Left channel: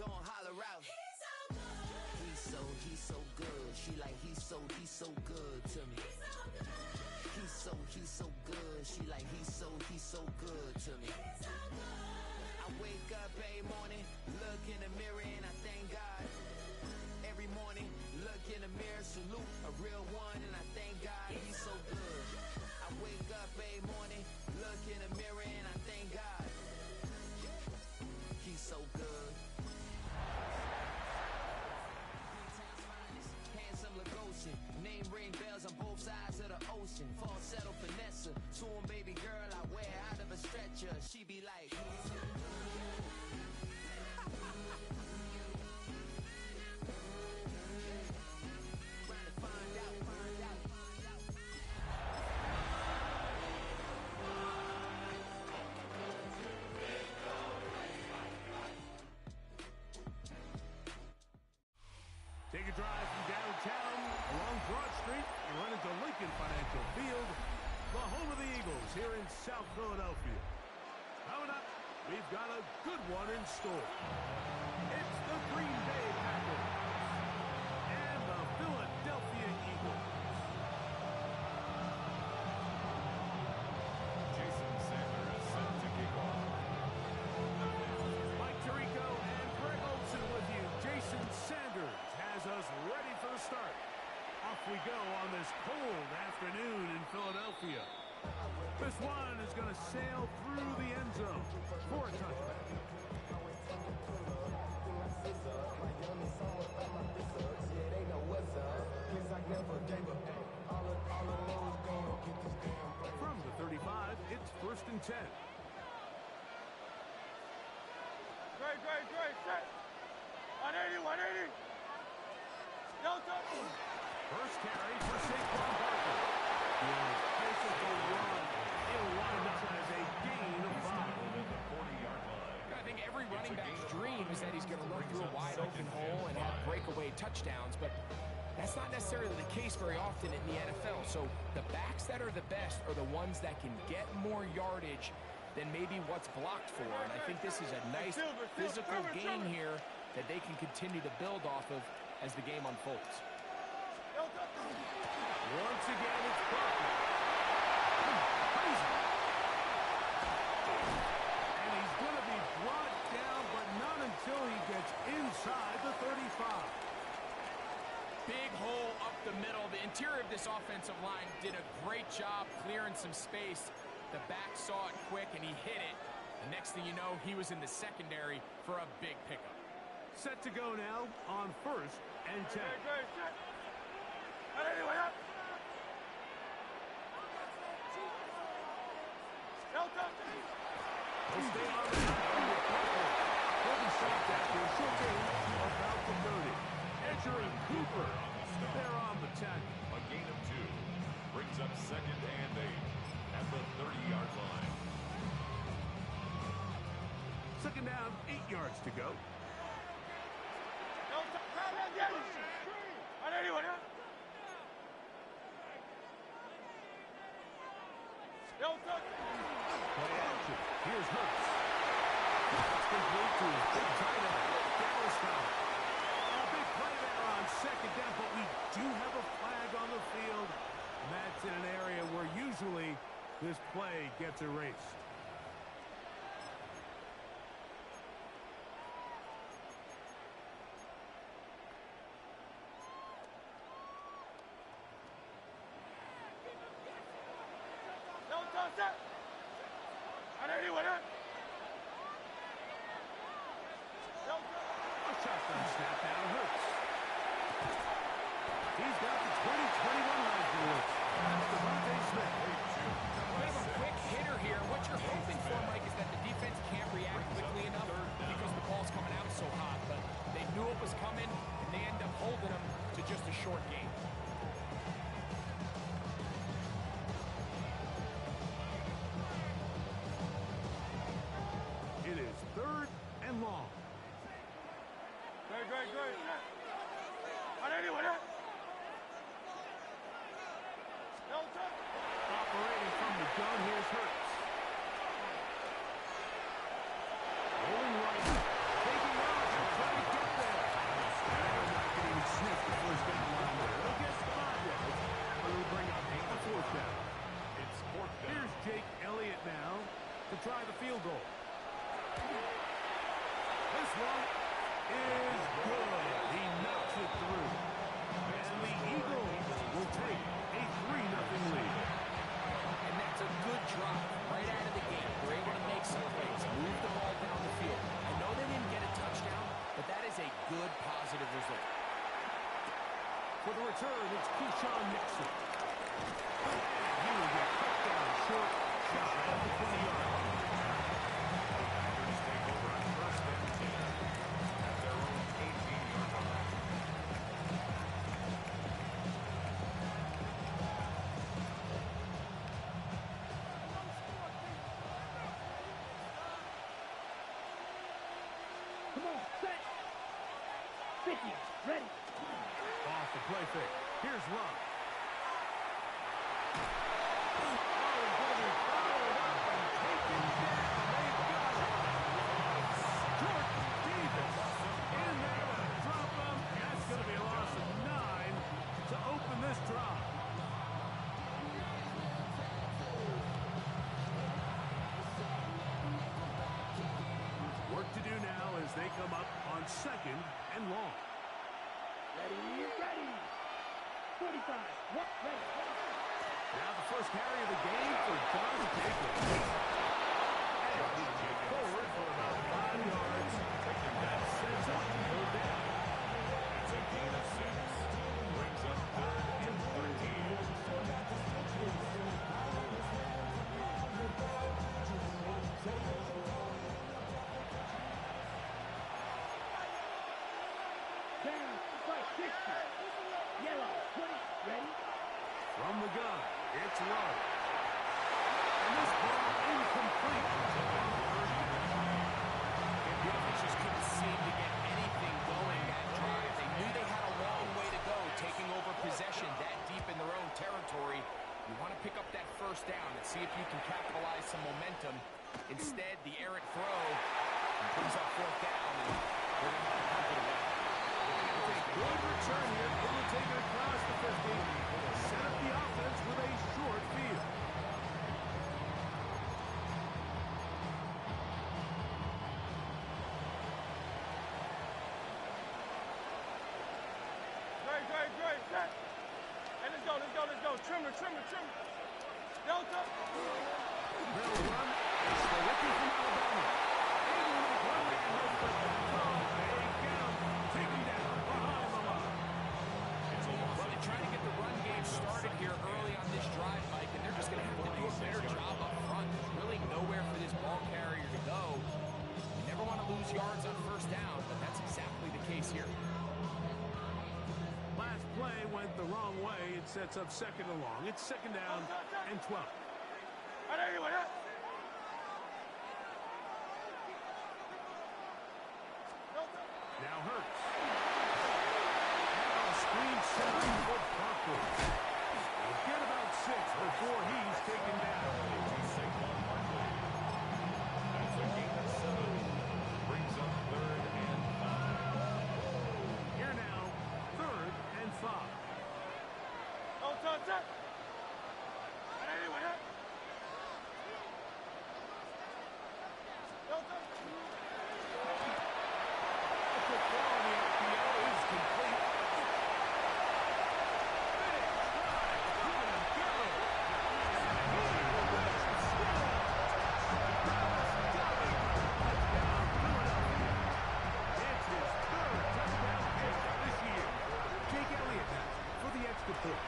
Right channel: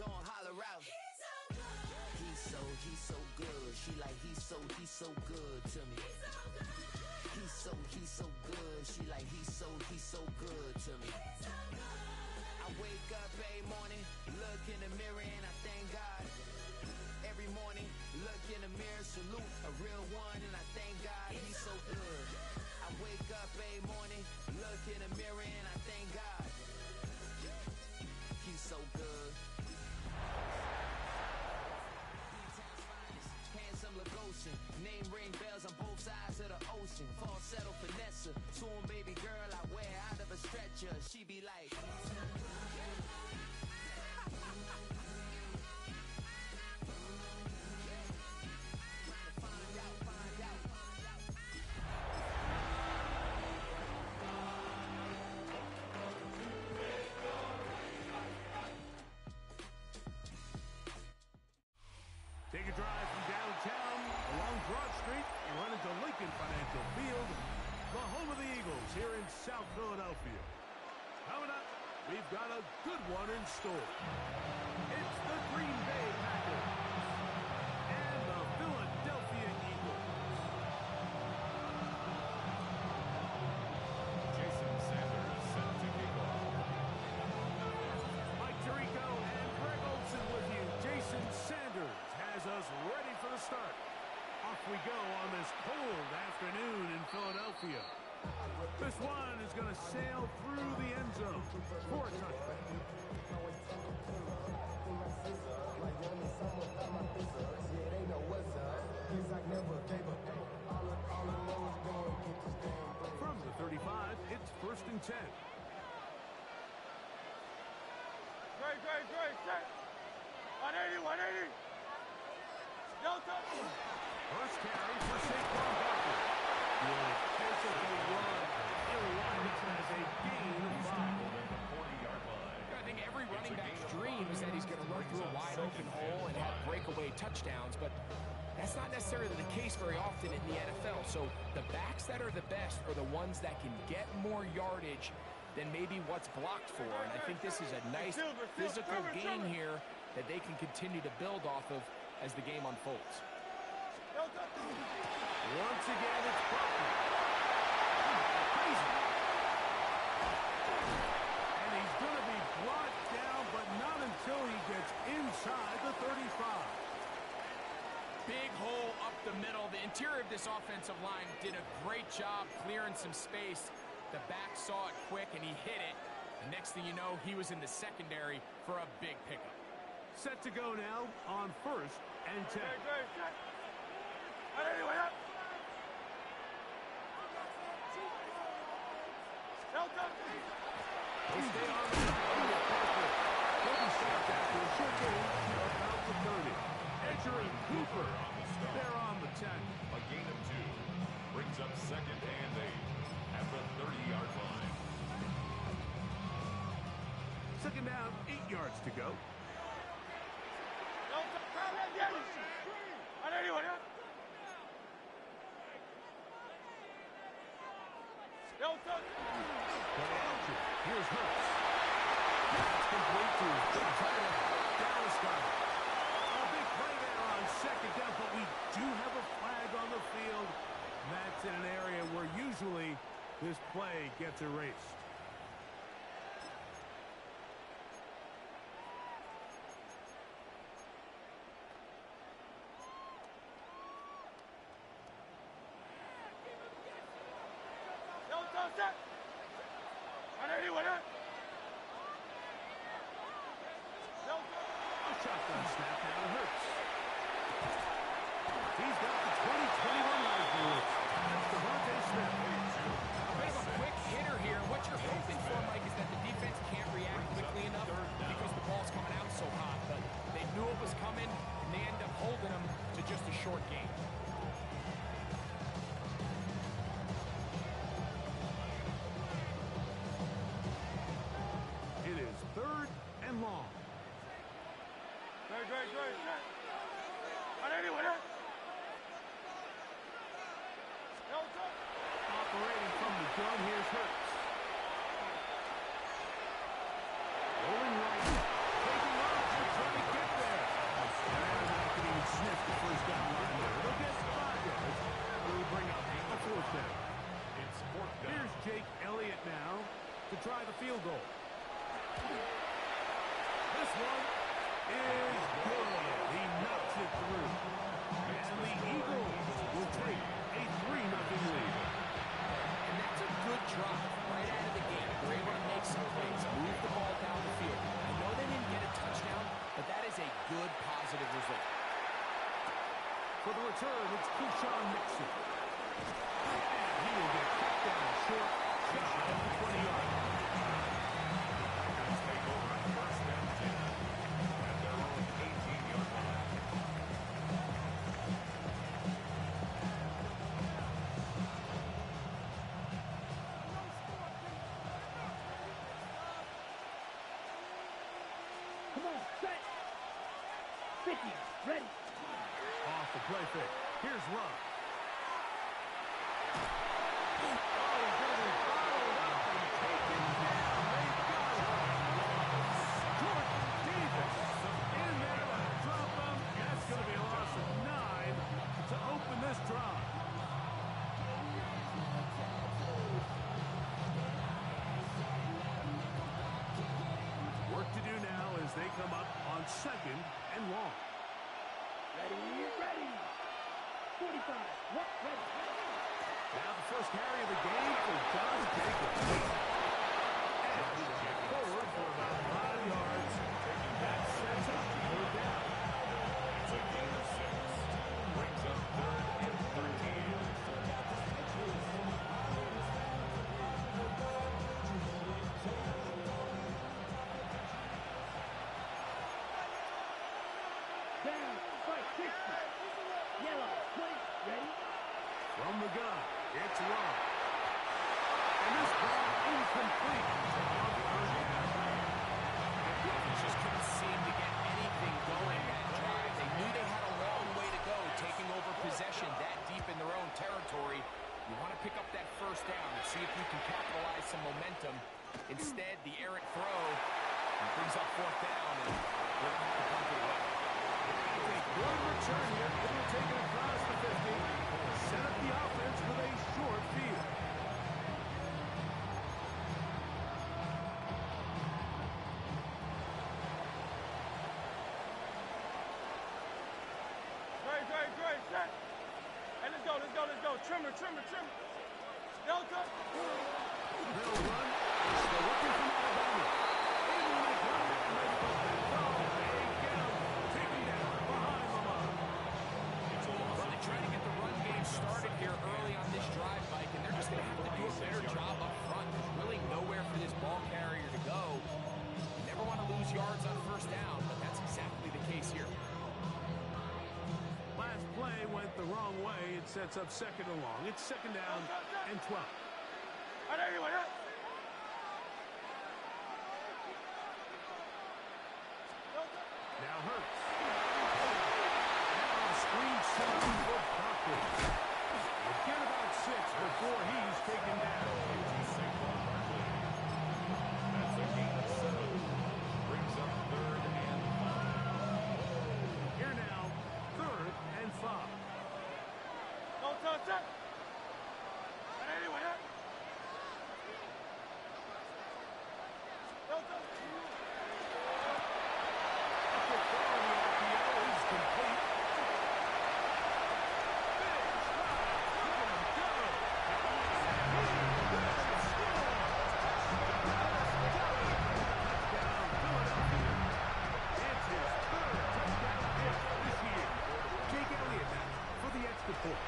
gon' holler out. He's so good. She like, he's so good to me. He's so good. She like, he's so good to me. I wake up every morning, look in the mirror and I thank God. Every morning, look in the mirror, salute a real one, and I thank God he's so good. I wake up every morning, look in the mirror, and I thank God he's so good. B-Town's finest, handsome Lagosian. Name ring bells on both sides of the ocean. Falsetto finesse, soon baby girl I wear out of a stretcher. She be like... Take a drive from downtown along Broad Street. You run into Lincoln Financial Field, the home of the Eagles here in South Philadelphia. Coming up, we've got a good one in store. It's the Green Bay Packers and the Philadelphia Eagles. Jason Sanders set to kick off. Mike Tirico and Greg Olson with you. Jason Sanders has us ready for the start. Off we go on this cold afternoon in Philadelphia. This one is going to sail through the end zone for a touchdown. From the 35, it's 1st and 10. Great, set. 180. No touch. First carry for Saquon Barkley. Good physical run. It'll wind up as a gain of 5. At the 40-yard line. I think every running back's dream is that he's going to run through a wide open hole and have breakaway touchdowns, but that's not necessarily the case very often in the NFL. So the backs that are the best are the ones that can get more yardage than maybe what's blocked for. And I think this is a nice physical game here that they can continue to build off of as the game unfolds. Once again, it's Barkley. Crazy. And he's going to be brought down, but not until he gets inside the 35. Big hole up the middle. The interior of this offensive line did a great job clearing some space. The back saw it quick, and he hit it. The next thing you know, he was in the secondary for a big pickup. Set to go now on 1st and 10. Great, set. No touch. He'll stay on the ground with Barkley. He'll be stopped after a short gain to about the 30. Edgerrin Cooper, they're on the tackle. A gain of 2 brings up 2nd and 8 at the 30-yard line. 2nd down, 8 yards to go. No touch. No touch. Play action. Here's Hurts. That's complete to his big tight end, Dallas Goedert. A big play there on 2nd down, but we do have a flag on the field. And that's in an area where usually this play gets erased. No touch. A shotgun snap now to Hurts. He's got the 2021 Heisman. That's Devontae Smith. A bit of a quick hitter here. What you're hoping for, Mike, is that the defense can't react quickly enough because the ball's coming out so hot. But they knew it was coming, and they end up holding them to just a short gain. It is 3rd and long. Great. No touch. Operating from the gun, here's Hurts. Rolling right, taking off, trying This one is good. He knocks it through. And the Eagles will take a 3-0 lead. And that's a good drive right out of the gate. They're able to make some plays, move the ball down the field. I know they didn't get a touchdown, but that is a good, positive result. For the return, it's Keyshawn Nixon. And he will get cut down short, shy of the 20-yard line. The Packers take over first and 10 at their own 18-yard line. Come on, set. 50, ready. Off the play fake. Here's Love. Oh, he's going to be followed up and taken down. They got it. Jordan Davis in there to drop him. That's going to be a loss of 9 to open this drive. Work to do now as they come up on 2nd and long. Ready, ready. 45, what, ready, ready. Now the first carry of the game for Josh Jacobs. And forward for about 5 yards. That sets up third down. It's a gain of 6. Brings up 3rd and 13. Down, strike, 60. Yellow, 20, ready. From the gun, it's Love. And this ball incomplete on 3rd down. The offense just couldn't seem to get anything going that drive. They knew they had a long way to go, taking over possession that deep in their own territory. You want to pick up that first down and see if you can capitalize some momentum. Instead, the errant throw brings up 4th down, and they're going to have to punt it away. It's a good return here. Able to take it across the 50. Set up the offense with a short field. Great, set. Hey, let's go. Trimmer. Delta. They'll run. It's the rookie from Alabama. Able to make one man miss, but that's all. They get him. Take him down behind the line. It's a loss. Well, they try to get the run game started here early on this drive, Mike, and they're just going to have to do a better job up front. There's really nowhere for this ball carrier to go. You never want to lose yards on 1st down, but that's exactly the case here. Last play went the wrong way. It sets up 2nd and long. It's 2nd down and 12. Now Hurts. Now a screen set up for Barkley. He'll get about 6 before he's taken down. Into Saquon Barkley. That's a gain of 7. Brings up 3rd and 5. Here now, 3rd and 5. No touch it. No touch. A quick throw on the RPO is complete. Big stride. Look at him go. Touchdown, Philadelphia. It's his 3rd touchdown catch this year. Jake Elliott now for the extra point.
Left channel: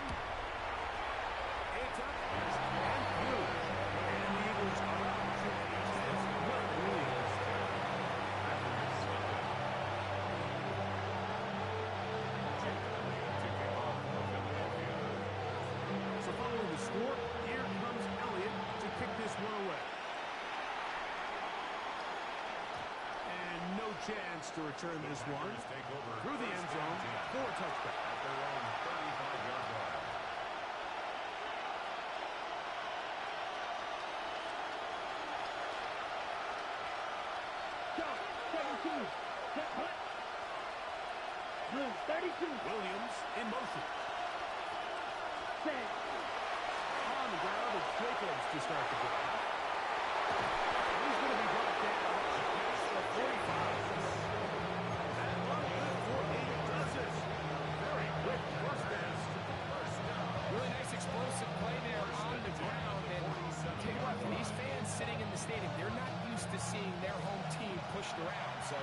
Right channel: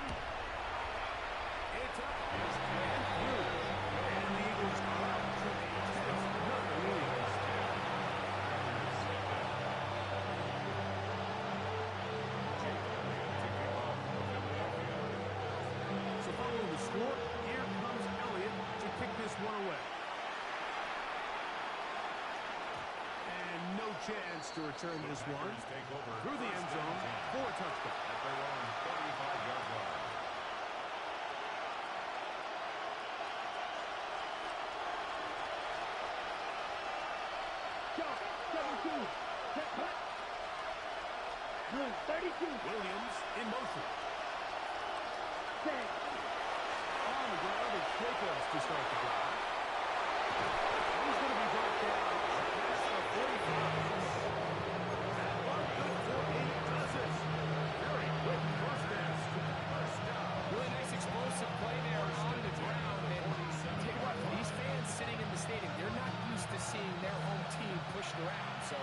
It's up and through. And the Eagles are out to a 10-0 lead. So following the score, here comes Elliott to kick this one away. And no chance to return this one. Take over Through the end zone for a touchback. at their own 35-yard line. Jump, 17, set, punt. Blue, 32, Williams in motion. set. On the ground, it's Jacobs to start the drive. And he's going to be brought down past the 45. explosive play there on the ground. And I'll tell you what, for these fans sitting in the stadium, they're not used to seeing their home team pushed around. So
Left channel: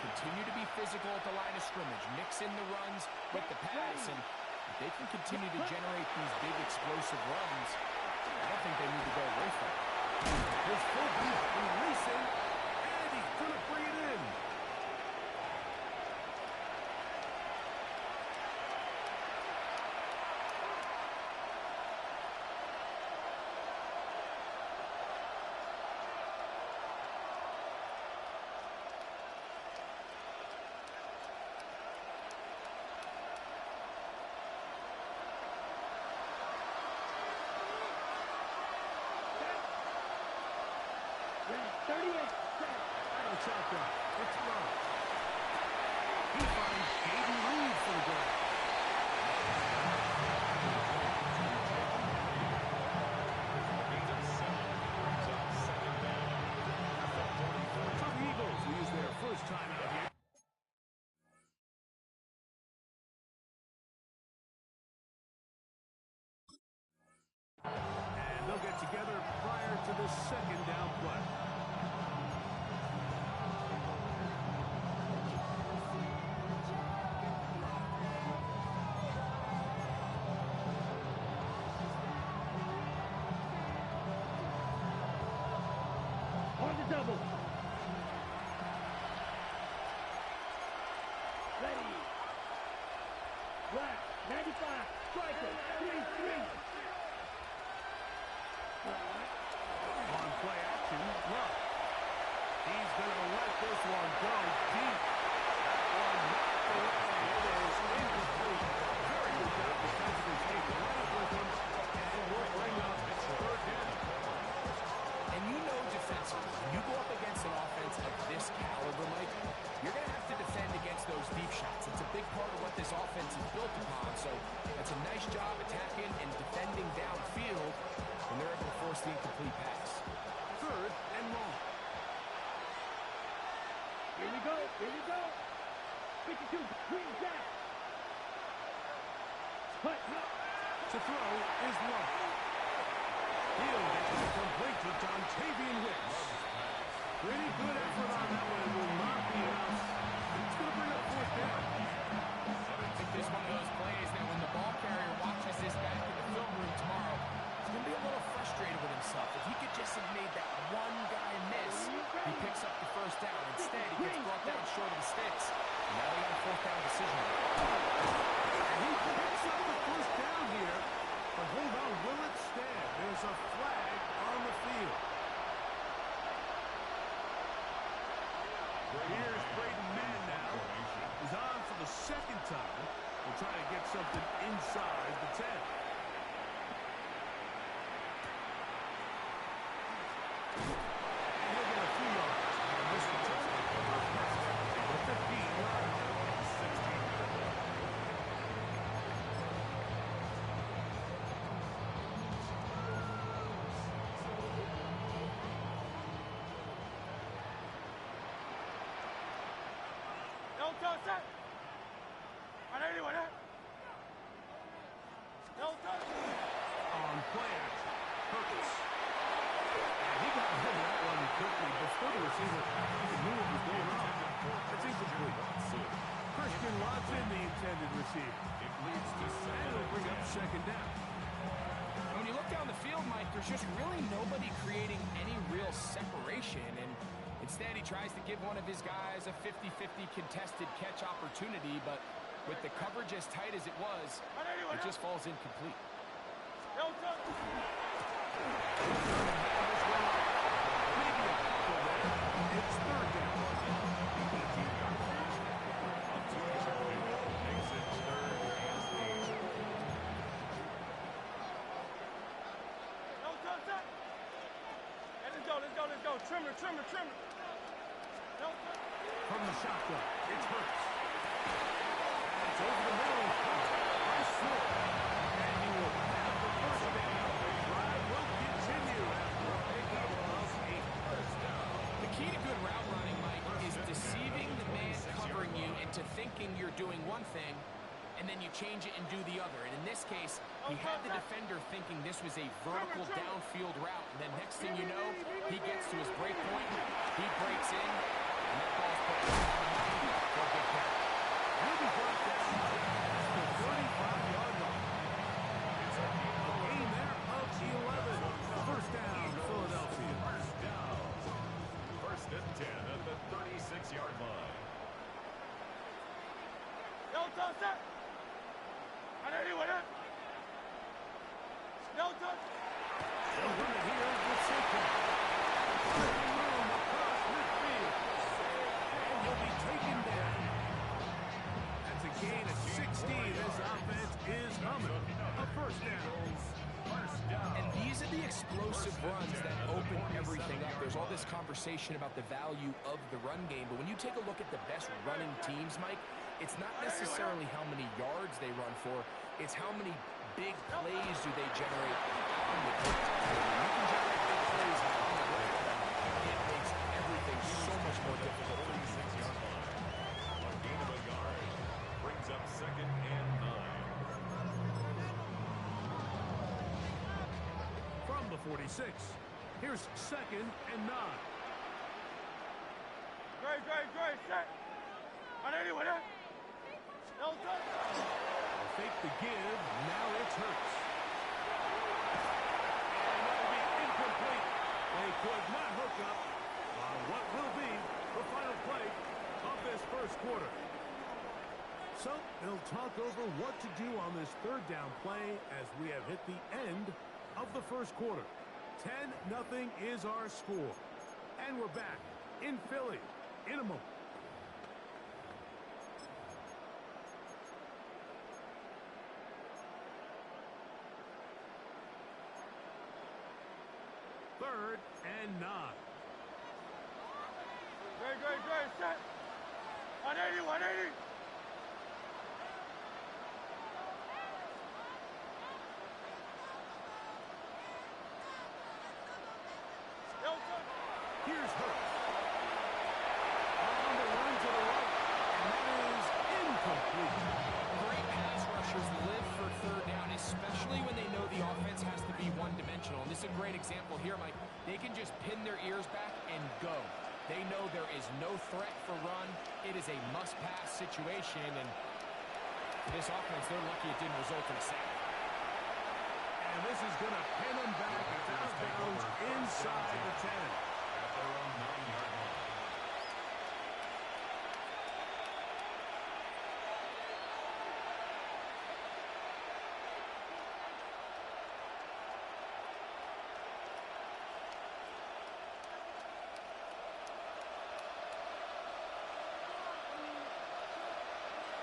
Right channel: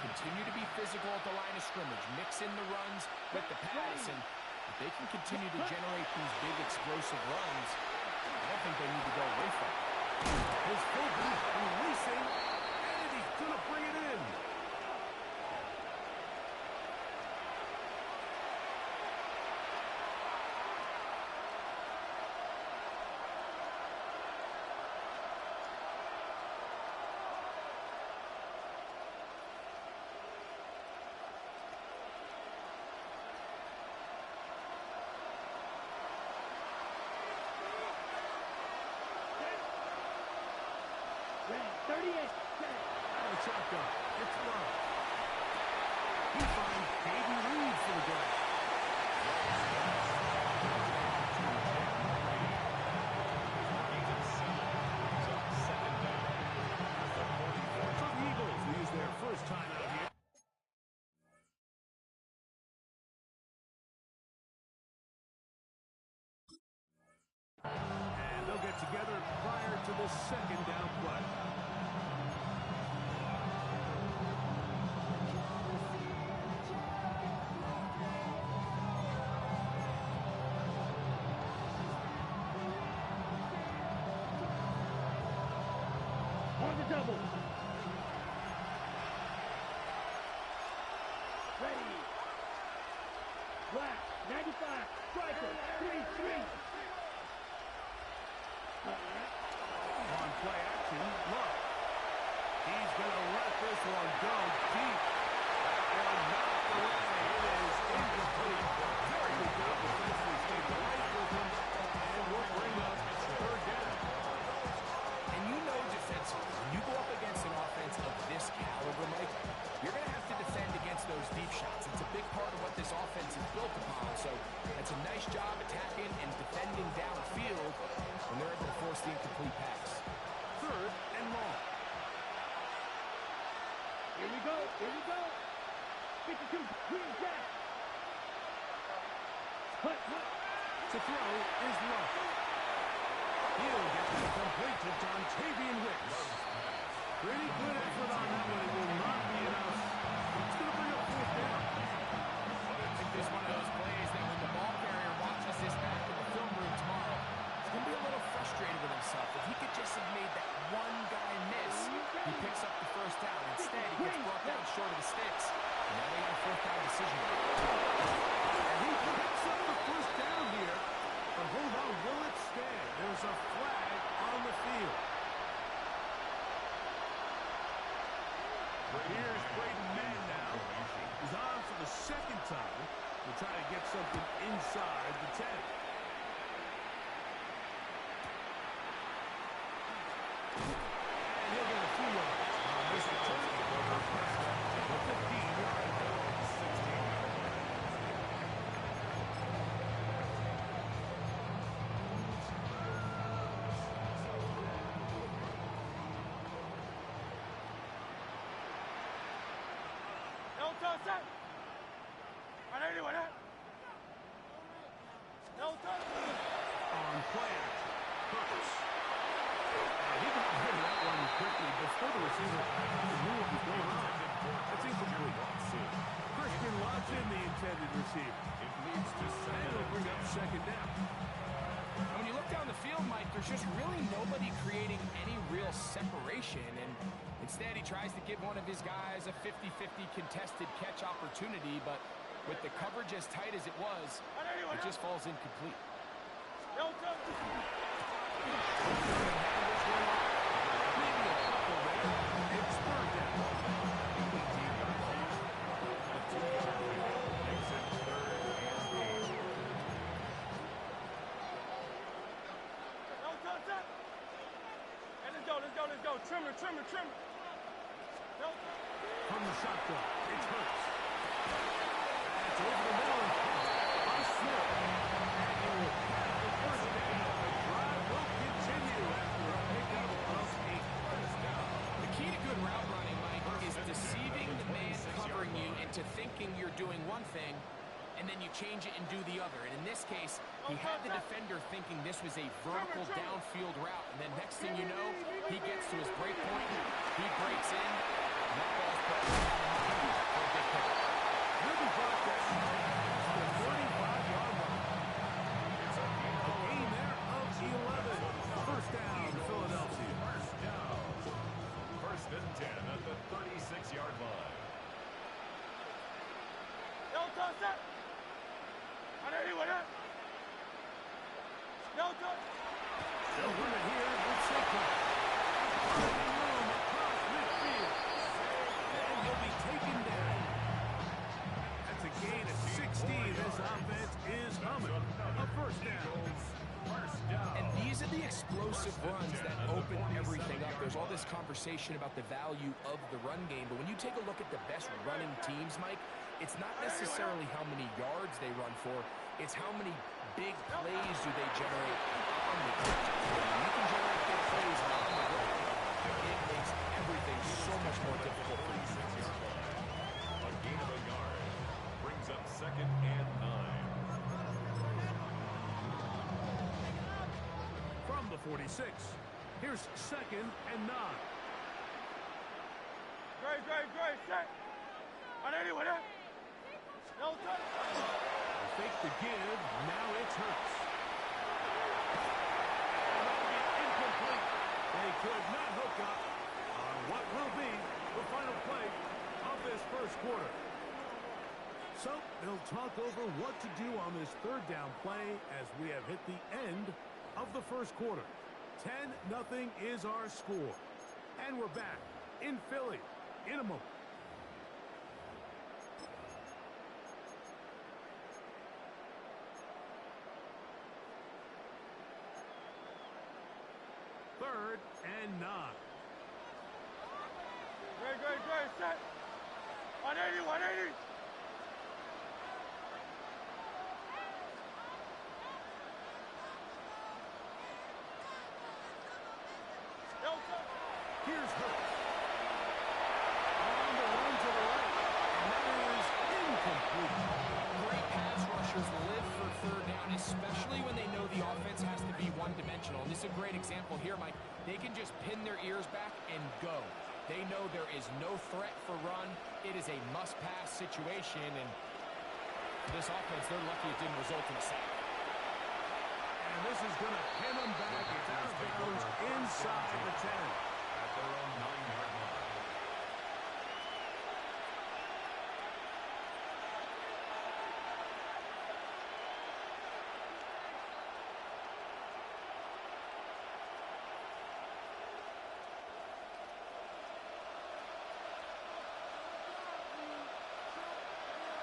continue to be physical at the line of scrimmage. Mix in the runs with the pass. And if they can continue to generate these big explosive runs, I don't think they need to go away from it. His fullback releasing, and he's going to bring it in. Red, 38, set. Out of the shotgun, it's Love. He finds Caden Reed for the grab. Gain of 7 brings up 2nd down at the 44. So the Eagles use their first time out here. And they'll get together prior to the 2nd down play. On the double. Ready. Black, 95, striker, 3-3. On play action, Love. He's going to let this one go deep. That one knocked away. It is incomplete. Very good job defensively. Stayed right with him. And will bring up 3rd down. And you know defensively, when you go up against an offense of this caliber, Mike, you're going to have to defend against those deep shots. It's a big part of what this offense is built upon. So that's a nice job attacking and defending downfield when they're able to force the incomplete pass. 3rd and long. Here we go, here we go. 52, Green Jack. Hut. To throw is Love. He'll get that complete to Dontavian Wicks. Pretty good effort on that one. It will not be enough. It's going to bring up 4th down. I think this is one of those plays that when the ball carrier watches this back in the film room tomorrow, he's going to be a little frustrated with himself. If he could just have made that one guy miss, he picks up the 1st down. Instead, he gets brought down short of the sticks. And now they got a 4th down decision. And he picks up the 1st down here. But hold on, will it stand? There's a flag on the field. Here's Braden Mann now. He's on for the 2nd time. We'll try to get something inside the 10. And he'll get a few yards on this return. The 15-yard line. 16-yard line. No touch that. Anyone that? No touch. On play action, Hurts. And he got rid of that one quickly before the receiver even knew what was going on. That's incomplete. Christian Watson, the intended receiver. It leads to And it'll bring up 2nd down. When you look down the field, Mike, there's just really nobody creating any real separation. And instead, he tries to give one of his guys a 50-50 contested catch opportunity. But with the coverage as tight as it was, it just falls incomplete. No touch. Maybe a couple there. It's 3rd down. 18-yard line. A 2-yard pickup makes it 3rd and 8. No touch that. And let's go. Trimmer. No touch. From the shotgun, it's Hurts. That's over the middle and caught by Smith. And he will have the 1st down. The drive will continue after a pickup of 8. The key to good route running, Mike, is deceiving the man covering you into thinking you're doing one thing, and then you change it and do the other. And in this case, He had the defender thinking this was a vertical downfield route, and then next thing you know, he gets to his break point, he breaks in, and that ball's put right on the money for a big pick. He'll be brought down at the 35-yard line. It's a gain there of 11. First down, Philadelphia. First down. First and 10 at the 36-yard line. Yo, touch that. I know he went up. Yo, touch. They'll run it here with Saquon. Finding room across midfield. And he'll be taken down. That's a gain of 16. This offense is humming. A first down. First down. And these are the explosive runs that open everything up. There's all this conversation about the value of the run game, but when you take a look at the best running teams, Mike, it's not necessarily how many yards they run for, it's how many big plays do they generate on the ground. When you can generate big plays on the ground, it makes everything so much more difficult for you. 46-yard line. A gain of a yard. Brings up second and 9. From the 46, here's second and 9. Great, set. I know he went up. Yo, touch. They fake the give, now it's Hurts. And that'll be incomplete. They could not hook up on what will be the final play of this first quarter. So they'll talk over what to do on this third down play as we have hit the end of the first quarter. 10-0 is our score. And we're back in Philly in a moment. Third and 9. Great, set. 180. Yo, touch. Here's Hurts. On the run to the right. And that is incomplete. Great pass rushers live for third down, especially when they know the offense has to be one-dimensional. And this is a great example here, Mike. They can just pin their ears back and go. They know there is no threat for run. It is a must-pass situation, and for this offense, they're lucky it didn't result in a sack. And this is going to pin them back. It's out of bounds inside the 10. At their own 9-yard line.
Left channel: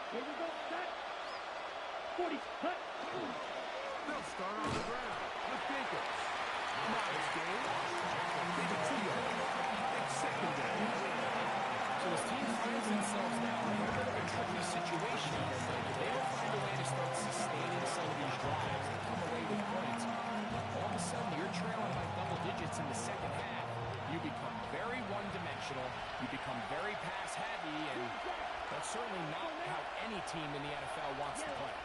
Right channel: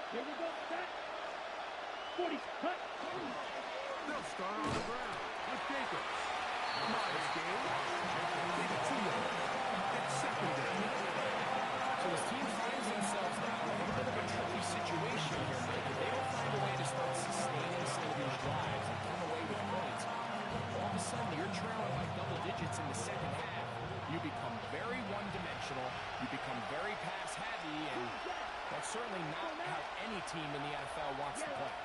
Here we go. Set. 40. Cut. They'll start on the ground with Jacobs. Modest game. Leave it 2 yards. It's second down. So this team finds themselves now in a little bit of a tricky situation here, Mike. If they don't find a way to start sustaining some of these drives and come away with points, all of a sudden you're trailing by double digits in the second half. You become very one-dimensional. You become very pass-heavy, and that's certainly not how any team in the NFL wants to play.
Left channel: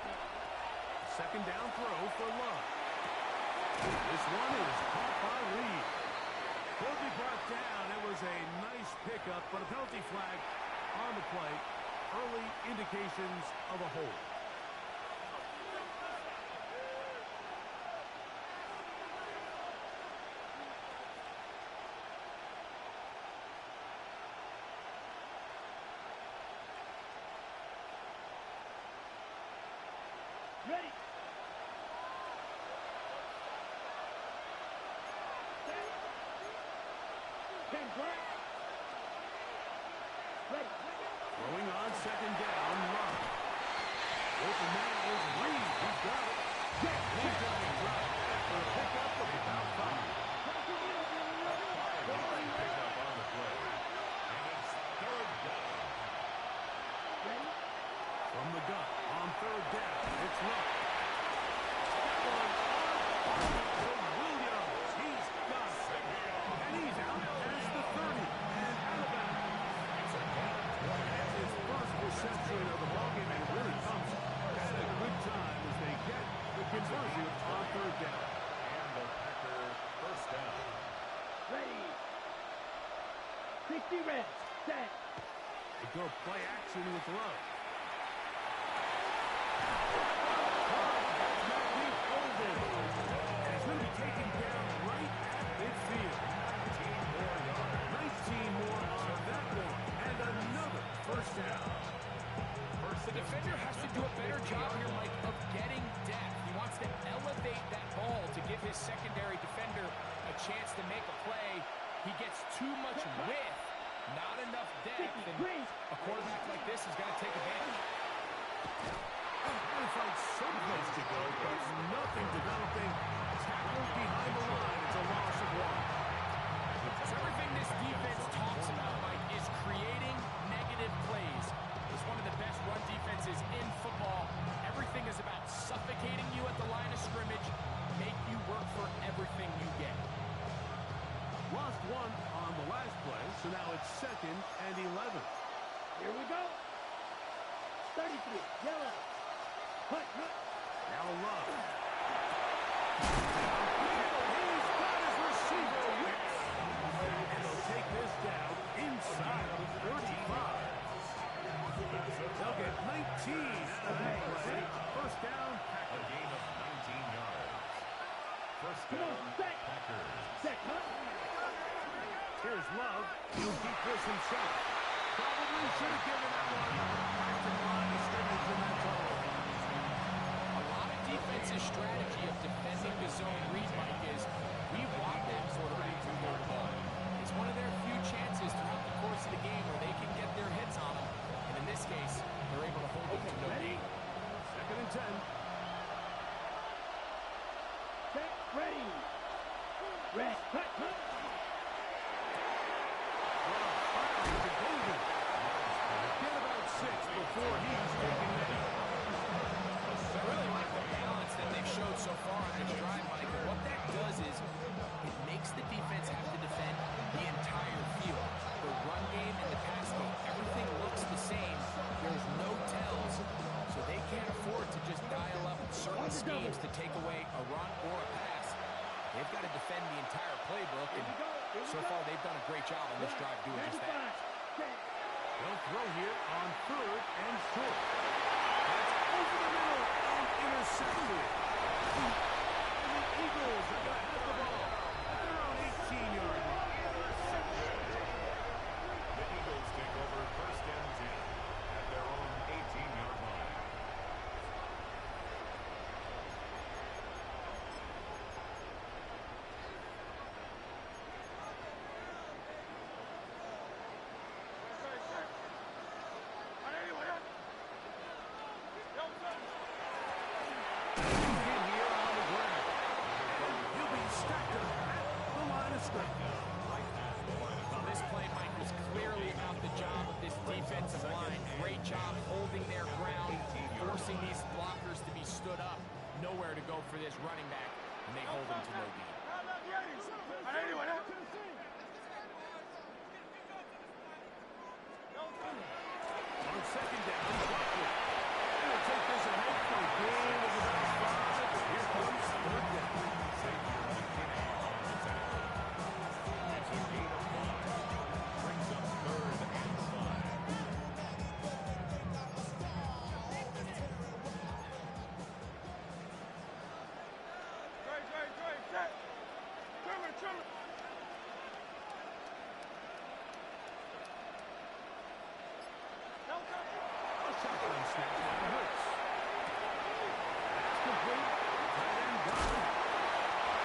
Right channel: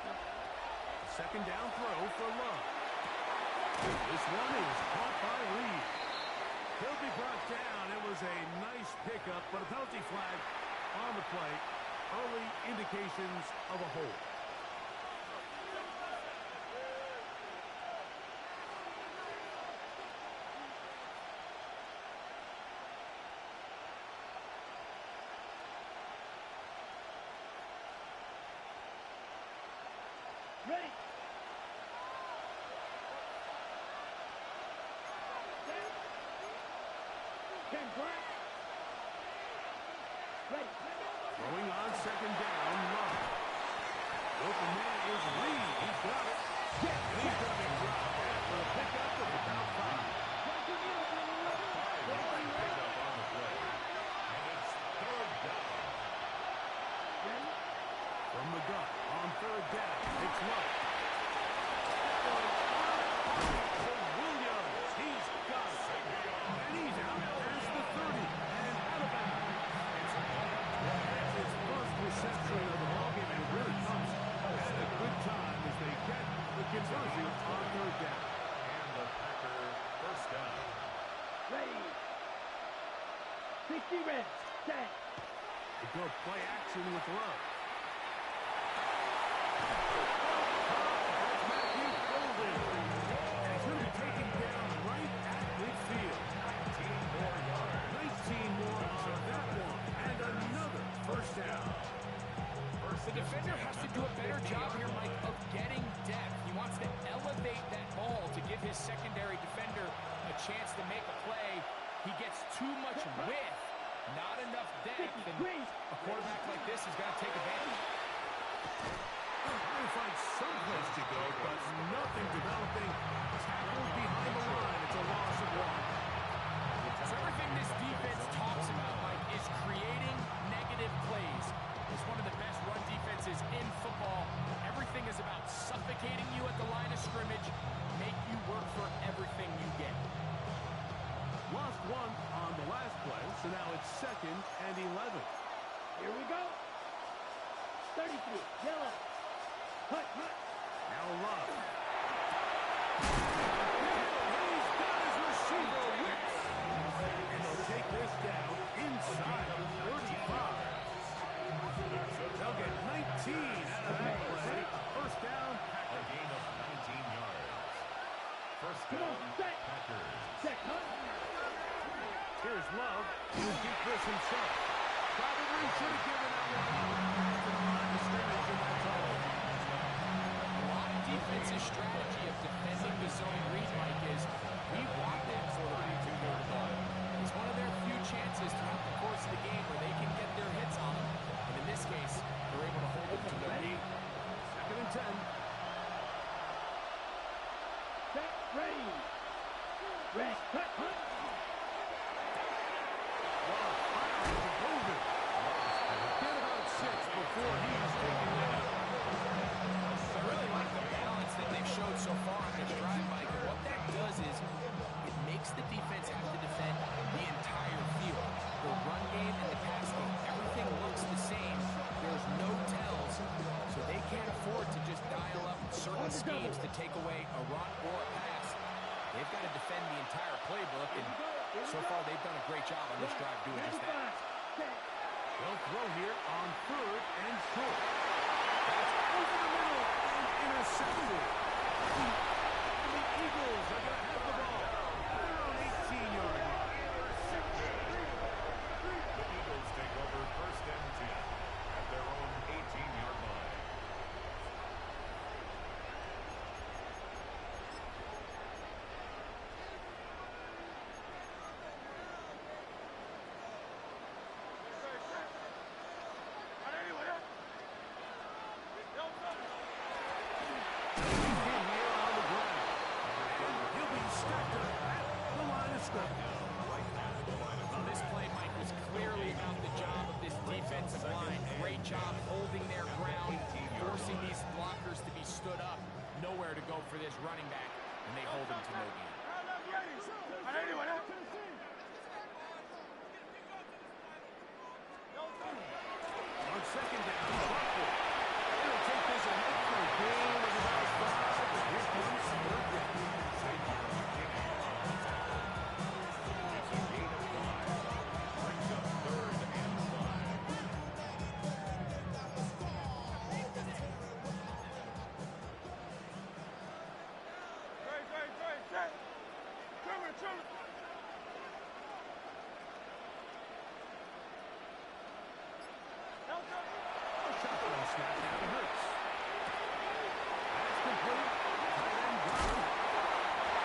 Second down throw for Love. This one is caught by Reed. He'll be brought down. It was a nice pickup, but a penalty flag on the play. Early indications of a hold. Ready. Set. 10 Grant. Ready. Throwing on second down, Love. Open man is Reed. He's got it. And he's going to be dropped after a pickup of about 5. Picked up on the play. And it's third down. Ready. From the gun on third down, it's Love. That one on target to Williams. He's got it. And he's out past the 30 and out of bounds. It's a gain of 20. That's his first reception of the ballgame, and it really comes at a good time as they get the conversion on third down. And the Packer first down. Ready. 60 reps. Set. They go play action with Love. That's Matthew Golden. And he's going to be taken down right at midfield. 19 more yards. 19 more on that one. And another first down. The defender has to do a better job here, Mike, of getting depth. He wants to elevate that ball to give his secondary defender a chance to make a play. He gets too much width, not enough depth, and a quarterback like this has got to take advantage. Trying to find some place to go, but nothing developing. Tackled behind the line. It's a loss of one. So everything this defense talks about, Mike, is creating negative plays. It's one of the best run defenses in football. Everything is about suffocating you at the line of scrimmage, make you work for everything you get. Lost one on the last play, so now it's 2nd and 11. Here we go. 33. Yellow. Cut. Now Love. Downfield, he's got his receiver whipped. And they'll take this down inside the 35. They'll get 19 out of that play. First down, A gain of 19 yards. First Come on, down, set. Packers. Set. Cut. here's Love. He'll keep this himself. Probably should have given that one up. Back to the line of scrimmage, and that's all. A lot of defense's strategy of defending the zone read, Mike, is we want that quarterback to hold the ball. It's one of their few chances throughout the course of the game where they can get their hits on them. And in this case, they're able to hold them to no gain. 2nd and 10. Set. Ready. Red. Cut. Love firing to Golden. Get about 6 before he's taken down. I really like the balance that they've showed so far on this drive, Mike. And what that does is it makes the defense have to defend the entire field. The run game and the pass game, everything looks the same. There's no tells, so they can't afford to just dial up certain schemes to take away a run or a pass. They've got to defend the entire playbook, and so far they've done a great job on this drive doing just that. They'll throw here on 3rd and short. That's over the middle and intercepted. And the Eagles are going to have the ball at their own 18-yard line. The Eagles take over 1st and 10 at their own 18-yard line. In here on the ground. And he'll be stacked up at the line of scrimmage. Well, this play, Mike, was clearly about the job of this defensive line. Great job holding their ground, forcing these blockers to be stood up. Nowhere to go for this running back, and they hold him to no gain. On 2nd down, Buckley. It'll take this ahead for a gain of about 5. But here comes 3rd down. Xavier McKinney on the tackle. It's a gain of 5. Brings up 3rd and 5. A shotgun snap now to Hurts. That's complete. Tight end got him.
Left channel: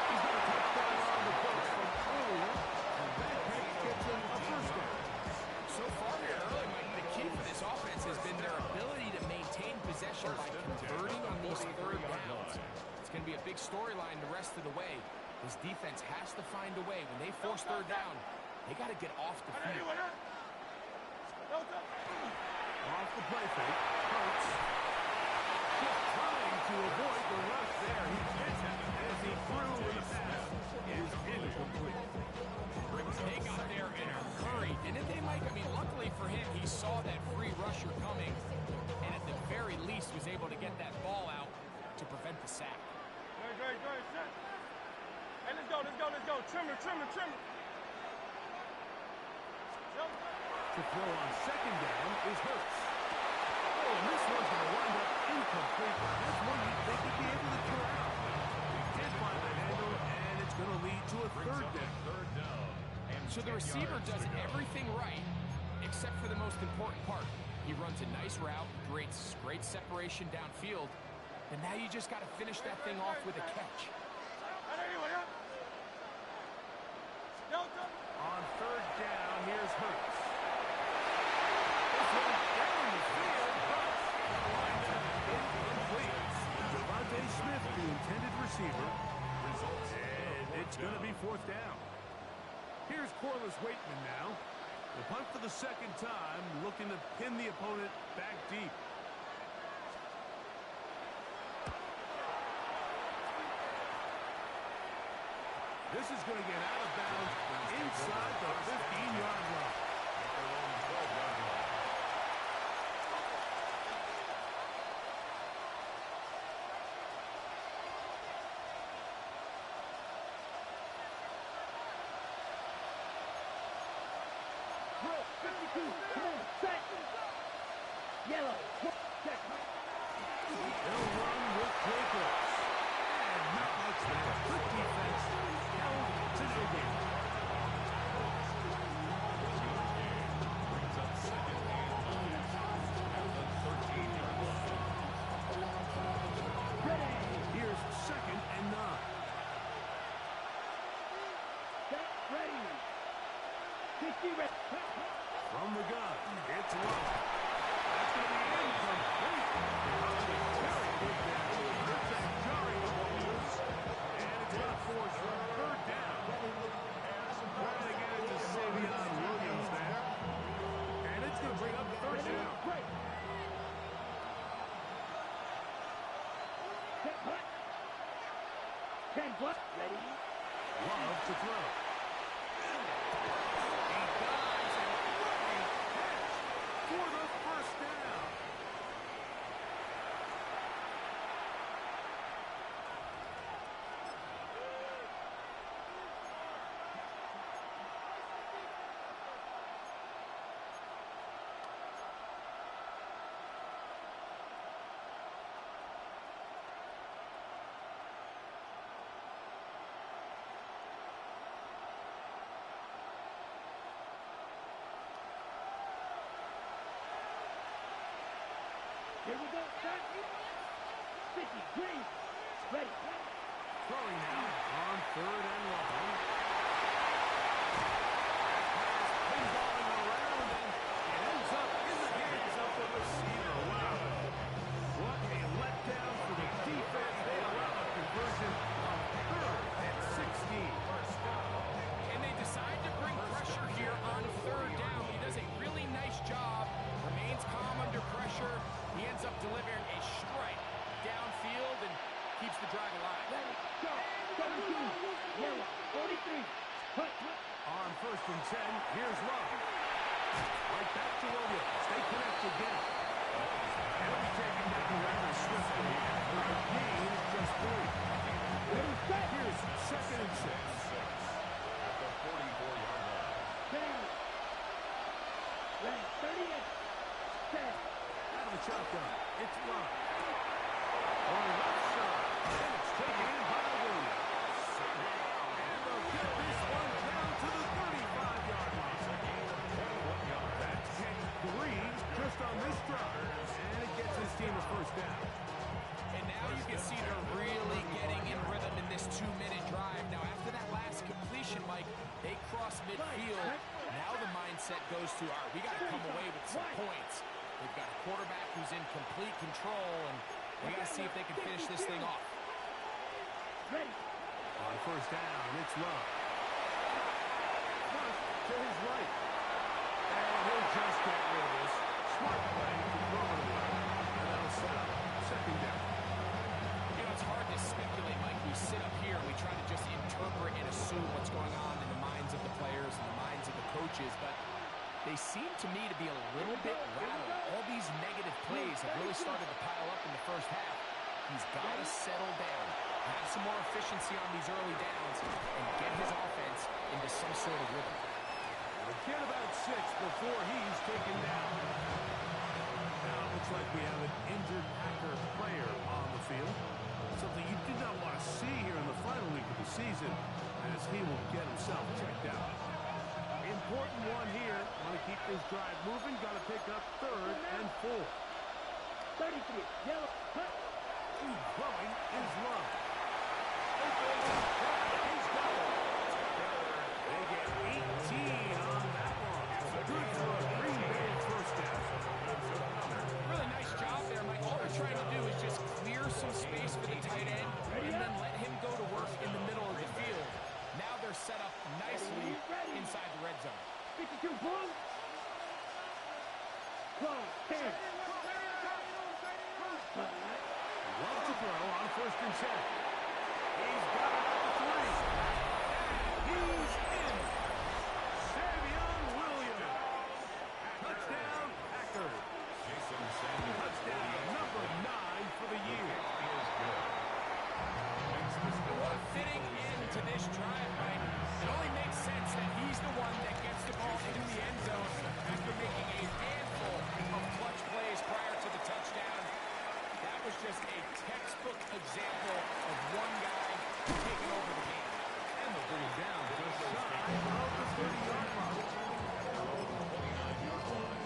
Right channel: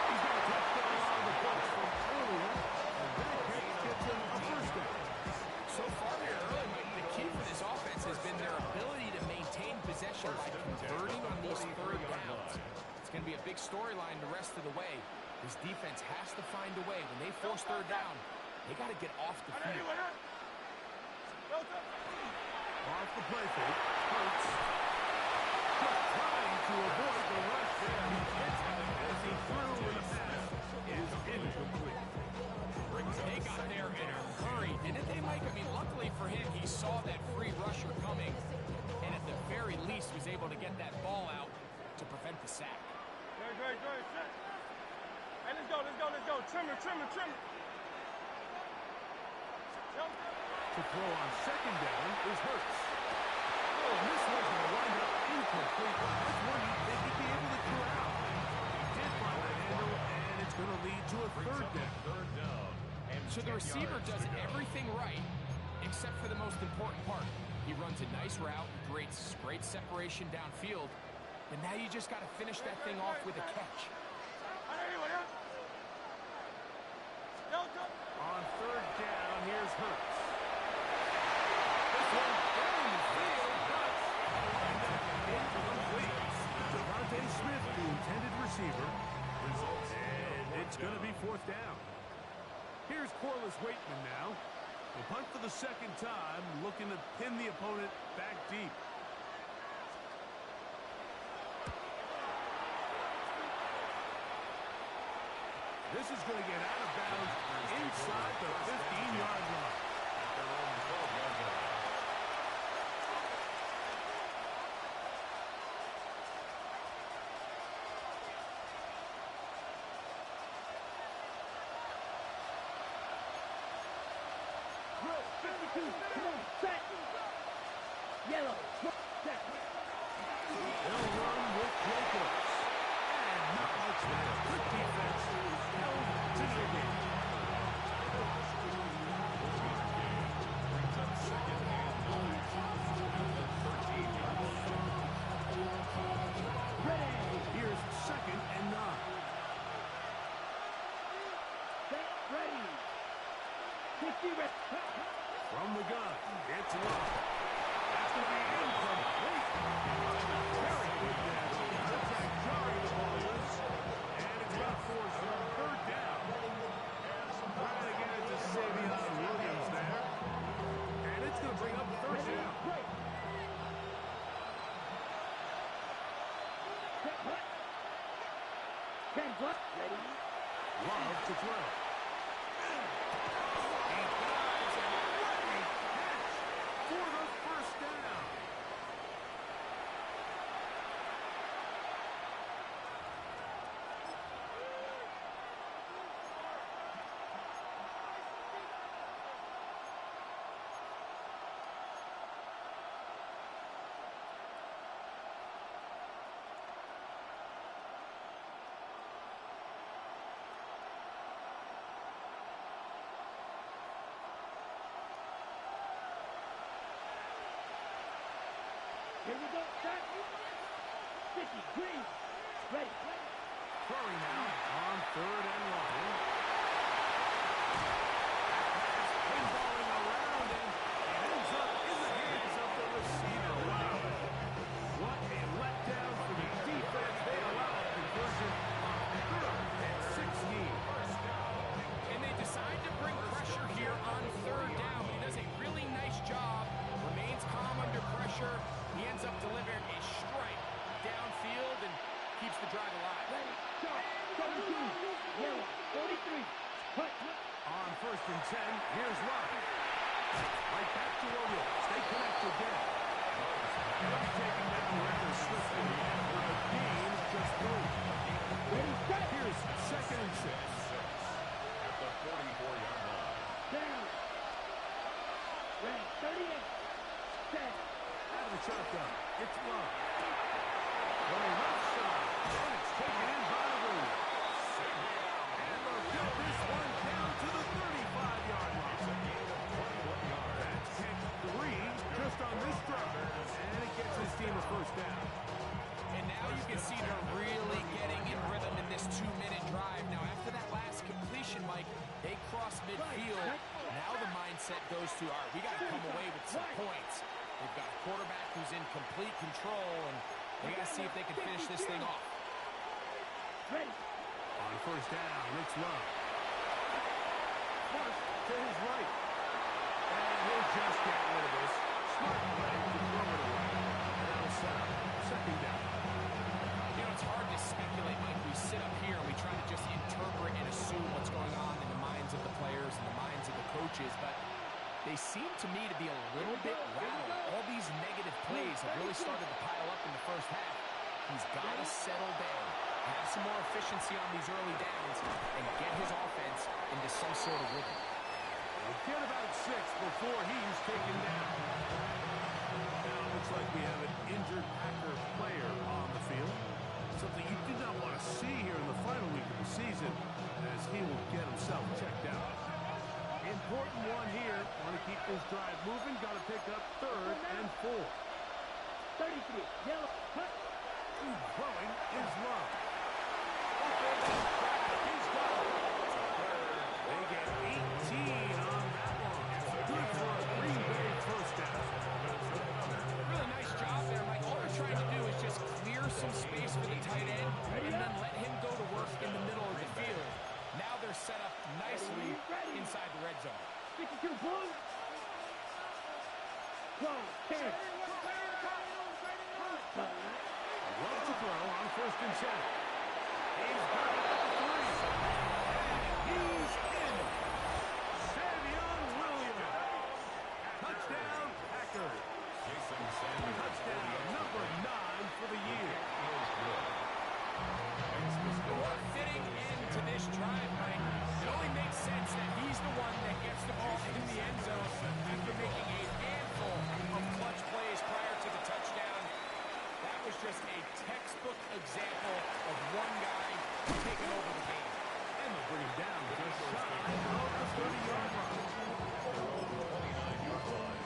He's got a touchdown on the books from earlier, and that catch gets him a first down. So far here early, Mike, the key for this offense has been their ability to maintain possession by converting on these 3rd downs. It's going to be a big storyline the rest of the way. This defense has to find a way. When they force 3rd down, they got to get off the field. Off the play fake. Hurts. just trying to avoid the rush there. He gets it as he threw in the pass. Is incomplete. They got there in a hurry, didn't they, Mike? I mean, luckily for him, he saw that free rusher coming, and at the very least was able to get that ball out to prevent the sack. Great, set. Hey, let's go. Trimmer. To throw on second down is Hurts. Oh, and this one's going to wind up incomplete. That's one you'd think he'd be able to corral. He did find the handle, and it's going to lead to a third down. So the receiver does everything right, except for the most important part. He runs a nice route, creates great separation downfield, and now you just got to finish that thing off with a catch. On third down, here's Hurts. This one down the field, but wind up incomplete. Devontae Smith, the intended receiver. And it's going to be fourth down. Here's Corliss Waitman now. The punt for the second time, looking to pin the opponent back deep. This is going to get out of bounds inside the 15-yard line. At their own 12-yard line. Drill, 52, come on, set. Yellow, set. They'll run with Jacobs. And not much there. Good defense. Held to no gain. Brings up second and 9 at the 13-yard line. Ready. Here's second and 9. Set, ready. 50, ready. From the gun, it's Love. That's going to be incomplete. Very good there. Contact jarring the ball loose. And it's going to force third down. Trying to get it to Savion Williams there. And it's going to bring up third down. Great. Set, punt. 10 plus, ready. Love to throw. He dives, and what a catch for the first down. Here we go, set. 50, green. Ready. Throwing now on third and long. That pass pinballing around, and it ends up in the hands of the receiver. Wow. What a letdown for the defense. They allow a conversion on third and 16. And they decide to bring pressure here on third down. He does a really nice job, remains calm under pressure. He ends up delivering a strike downfield and keeps the drive alive. Ready, go. 17, yellow, 43. Punt. On first and 10, here's Love. Right back to Williams. They connect again. And he'll be taken down rather swiftly after a gain of just 3. Ready, set. Here's second and 6. At the 44-yard line. Down. Ready, 38. Set. Out of the shotgun, it's Love. Going left side, and it's taken in by Williams. And they'll get this one down to the 35-yard line. It's a gain of 21 yards. That's pick 3 just on this drive. And it gets his team a first down. And now you can see they're really getting in rhythm in this 2-minute drive. Now, after that last completion, Mike, they cross midfield. Now the mindset goes to, all right, we got to come away with some points. They've got a quarterback who's in complete control, and they got to see if they can finish this thing off. Ready. On first down, it's Love. First to his right. And he'll just get rid of this. Smart play to throw it away. And that'll set up second second down. You know, it's hard to speculate, Mike. We sit up here and we try to just interpret and assume what's going on in the minds of the players and the minds of the coaches, but they seem to me to be a little bit rattled. All these negative plays have really started to pile up in the first half. He's got to settle down, have some more efficiency on these early downs, and get his offense into some sort of rhythm. He'll get about 6 before he's taken down. Now it looks like we have an injured Packer player on the field. Something you did not want to see here in the final week of the season, as he will get himself checked out. Important one here. Want to keep this drive moving. Got to pick up 3rd and 4. 33, yellow, cut. Throwing is Love. Open crack. He's got it. They get 18 on that one. Good for a Green Bay first down. Really nice job there, Mike. All they're trying to do is just clear some space for the tight end and then let him go to work in the middle of the field. Now they're set up nicely inside the red zone. 52, blue. Close, 10. Love to throw on 1st and 10. He's got it at the 3. And he's in. Savion Williams. Touchdown, Packers. Jason Sanders. Touchdown number 9 for the year. Is good. Makes the score. What fitting into this drive, Mike. It only makes sense that he's the one that gets the ball in the end zone after making a handful of clutch plays prior to the touchdown. That was just a textbook example of one guy taking over the game. And they'll bring him down just shy of the 30-yard line. At their own 29-yard line.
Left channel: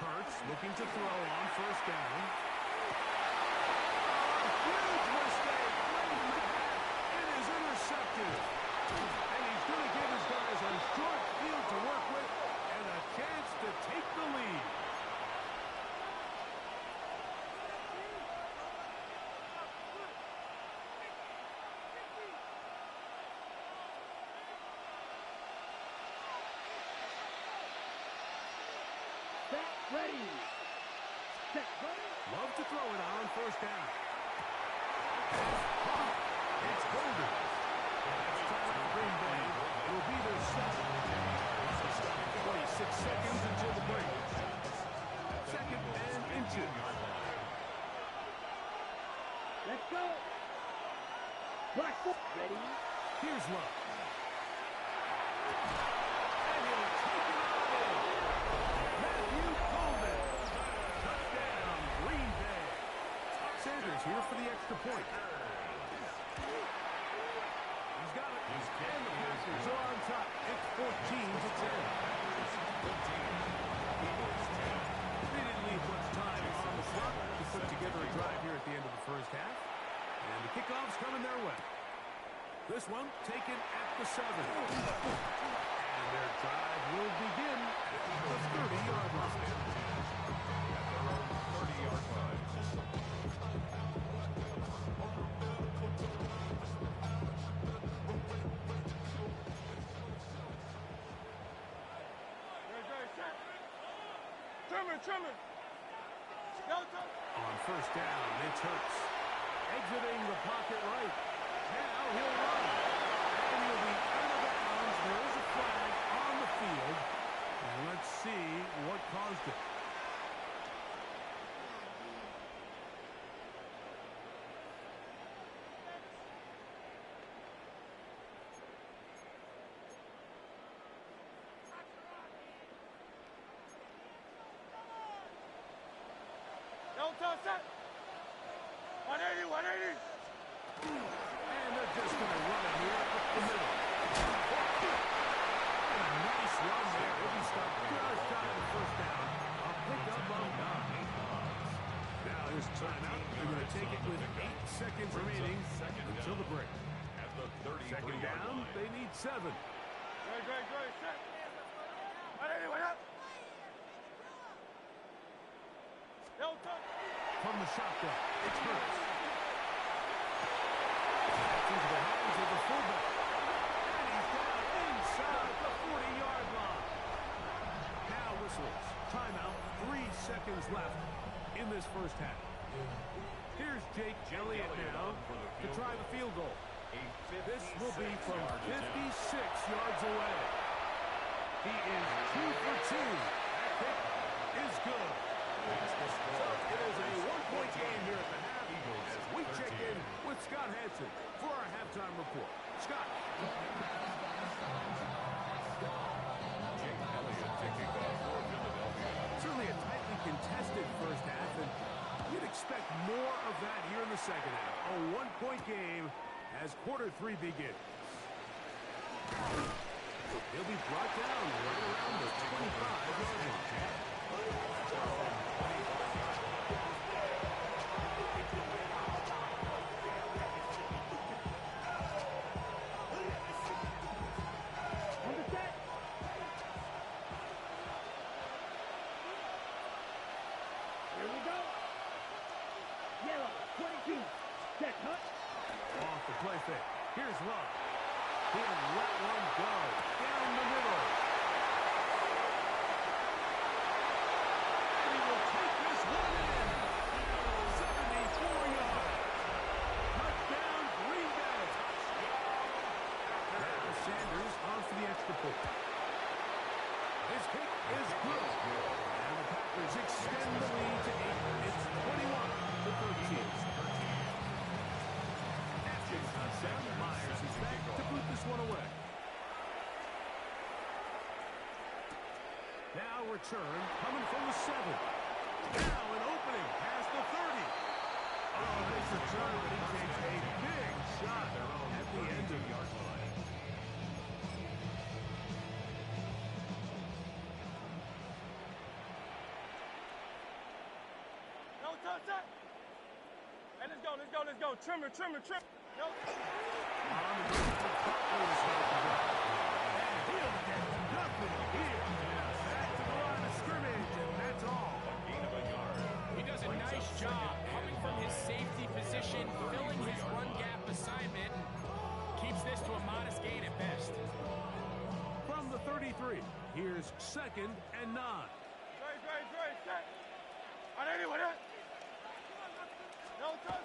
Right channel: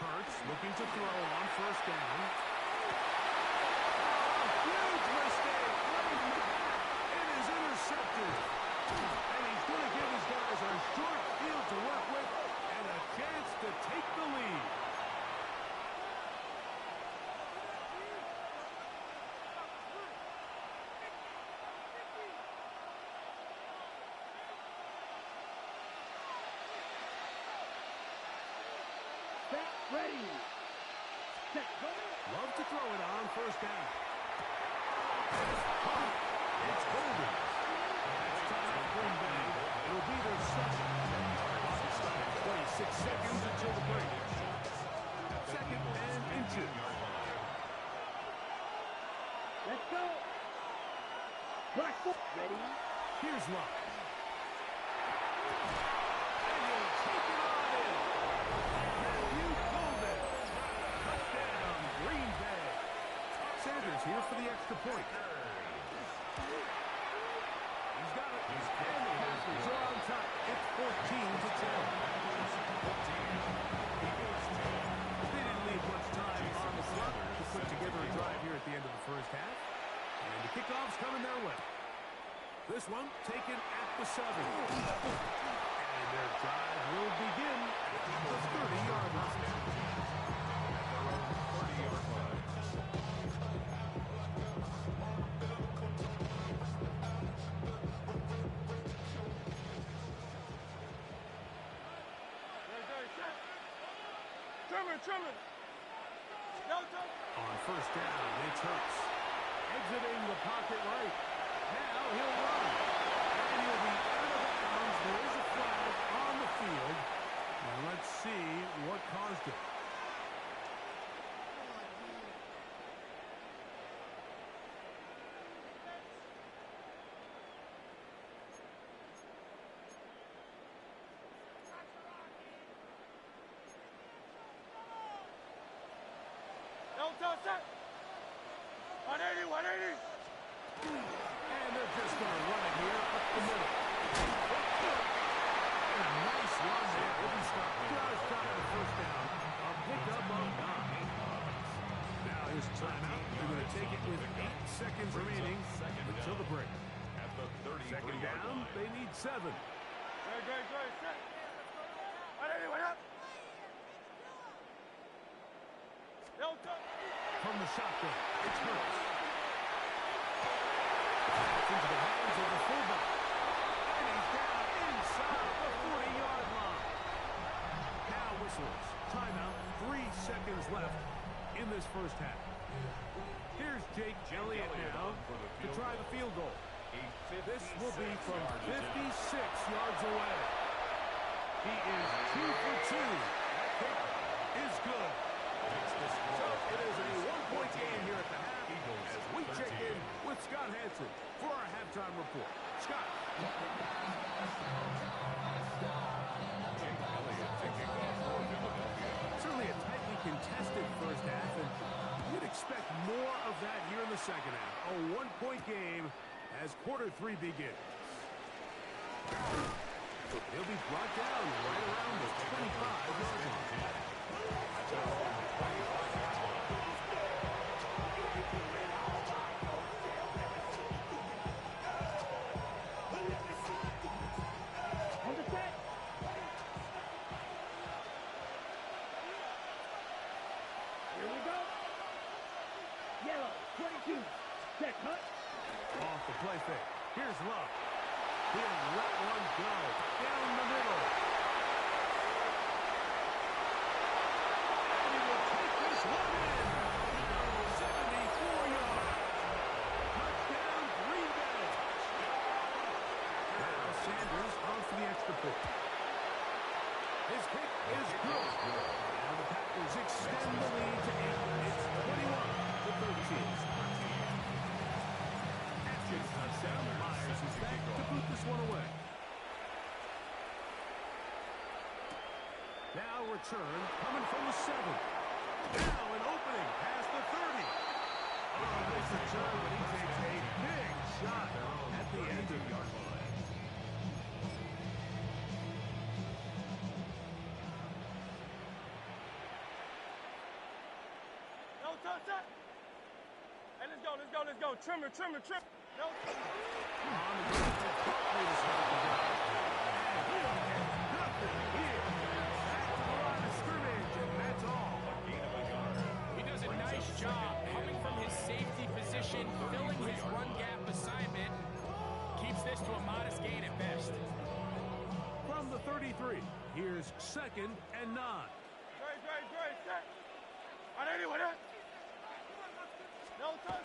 Hurts looking to throw on 1st down. Oh, huge mistake. Right in the back. It is intercepted. And he's going to give his guys a short field to work with and a chance to take the lead. Ready. Set, go. Love to throw it on 1st down. It's Golden. That's time for Green Bay. It'll be their 2nd. Clock stopped 26 seconds until the break. 2nd and inches. Let's go. Black foot. Ready. Here's Love. And he'll take it on in. Matthew Golden. Touchdown, Green Bay. Sanders here for the extra point. He's got it. And the Packers are on top. It's 14-10. 14. Eagles 10. They didn't leave much time on the clock to put together a drive here at the end of the first half. And the kickoff's coming their way. This one taken at the 7. And their drive will begin at the 30-yard line. At their own 30-yard line. Truman. On 1st down, it's Hurts. Exiting the pocket right. Now he'll run. And he'll be out of bounds. There is a flag on the field. And let's see what caused it. Set. 180. And they're just going to run it here up the middle. And a nice run there. He'll be stopped just shy of the 1st down. A pickup of 9. Now here's a timeout. They're going to take it with 8 seconds remaining until the break. At the 33-yard 2nd down, line. they need 7. Great. Set. 180. What up? No touch. From the shotgun, it's Hurts. That's into the hands of the fullback. And he's down inside the 40-yard line. Now whistles. Timeout. 3 seconds left in this first half. Here's Jake Elliott now to try the field goal. This will be from 56 yards away. He is 2 for 2. That kick is good. So it is a 1-point game here at the half as we check in with Scott Hanson for our halftime report. Scott. Jake Elliott taking off for Philadelphia. Certainly a tightly contested first half, and you'd expect more of that here in the second half. A 1-point game as quarter 3 begins. He'll be brought down right around the 25-yard line. At their own 25-yard line. On the set. Here we go. Yellow, 22. Set, cut. Off the play fake. Here's Love. He'll let one go down the middle. And he will take this one in. 74 yards. Touchdown, Green Bay. Now Sanders on for the extra point. His kick is good. And the Packers extend the lead to 8. It's 21-13. Touchdown. Myers is back to boot this one away. Now return coming from the 7. Now an opening past the 30. Oh, nice return, but he takes a big shot at the end of the yard line. No touch that. Hey, let's go. Trimmer. No touch. On the ground, Barkley to start the drive. And he'll get nothing here. Back to the line of scrimmage, and that's all. A gain of a yard. He does a nice job coming from his safety position, filling his run gap assignment, and keeps this to a modest gain at best. From the 33, here's 2nd and 9. Great. Set. On anyone else? No touch.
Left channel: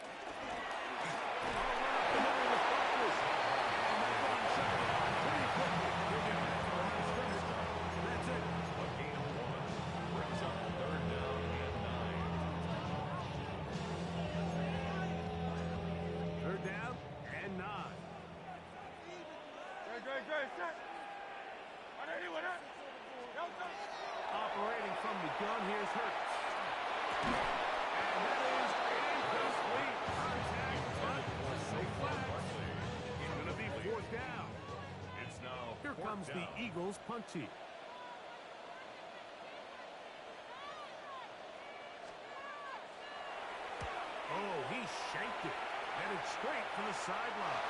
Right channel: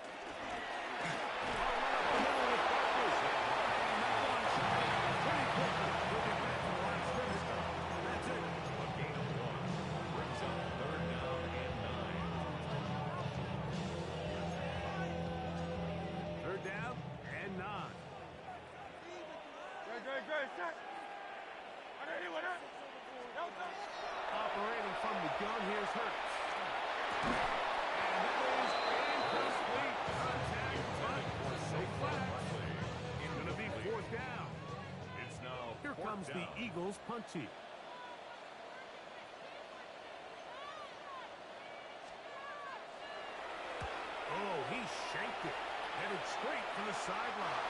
I'll run up the middle with Barkley. And that one shut down pretty quickly. He'll get back to the line of scrimmage. And that's it. A gain of 1 brings up 3rd down and 9. 3rd down and 9. Great. Set. On anyone else? No touch. Operating from the gun, here's Hurts. And that is incomplete contact, but no flag. It's going to be 4th down. It's now Here 4th comes down. the Eagles punt team. Oh, he shanked it. Headed straight for the sideline.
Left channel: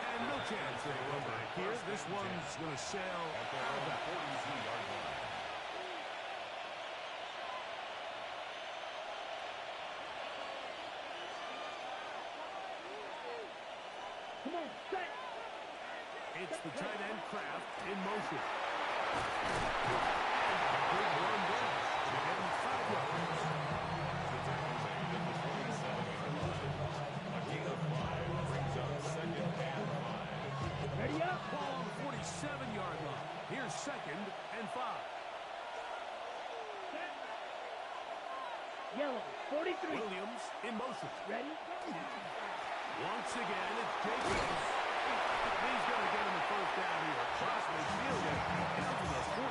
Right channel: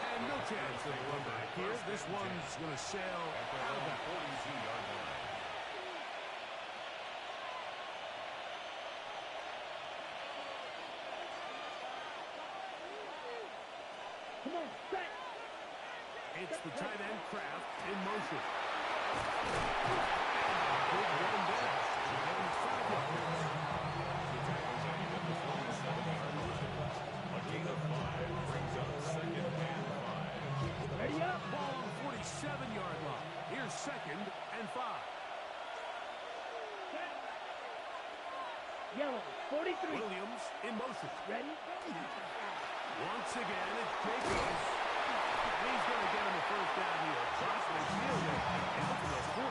And no chance of a run back here. This one's going to sail At their out of own bounds. 42-yard line. Come on, set. It's the tight end Kraft in motion. And a big run down. He's getting 5 yards. The tackle made at the 47-yard line. A gain of 5 brings up 2nd and 5. Ready up. Ball on the 47-yard line. Here's 2nd and 5. Set. Yellow, 43. Williams in motion. Ready? Once again, it's Jacobs. He's going to get him a 1st down here. Across midfield, down to the 45.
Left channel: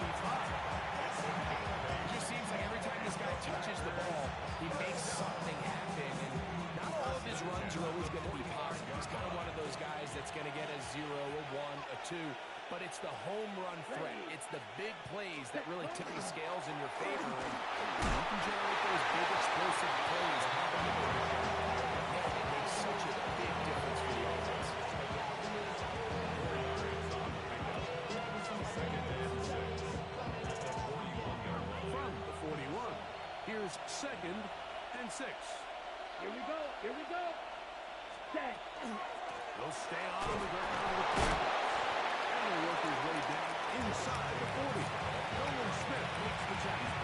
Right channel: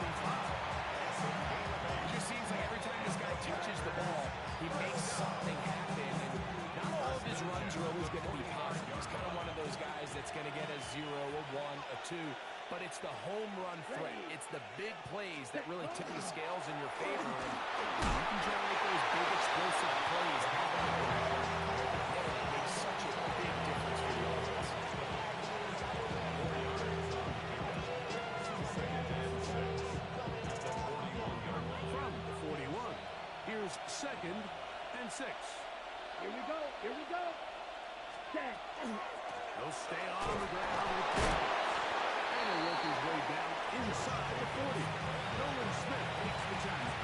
It just seems like every time this guy touches the ball, he makes something happen. And not all of his runs are always going to be positive. He's kind of one of those guys that's going to get a 0, a 1, a 2. But it's the home run threat. It's the big plays that really tip the scales in your favor. And you can generate those big explosive plays out of the back. Man, it makes such a big difference for the offense. 4 yards on the pickup. 2nd and 6. At the 41-yard line. From the 41, here's is 2nd and 6. Here we go. Here we go. Set. He'll stay on the ground with Jacobs. And he'll work his way down inside the 40. Nolan Smith makes the tackle.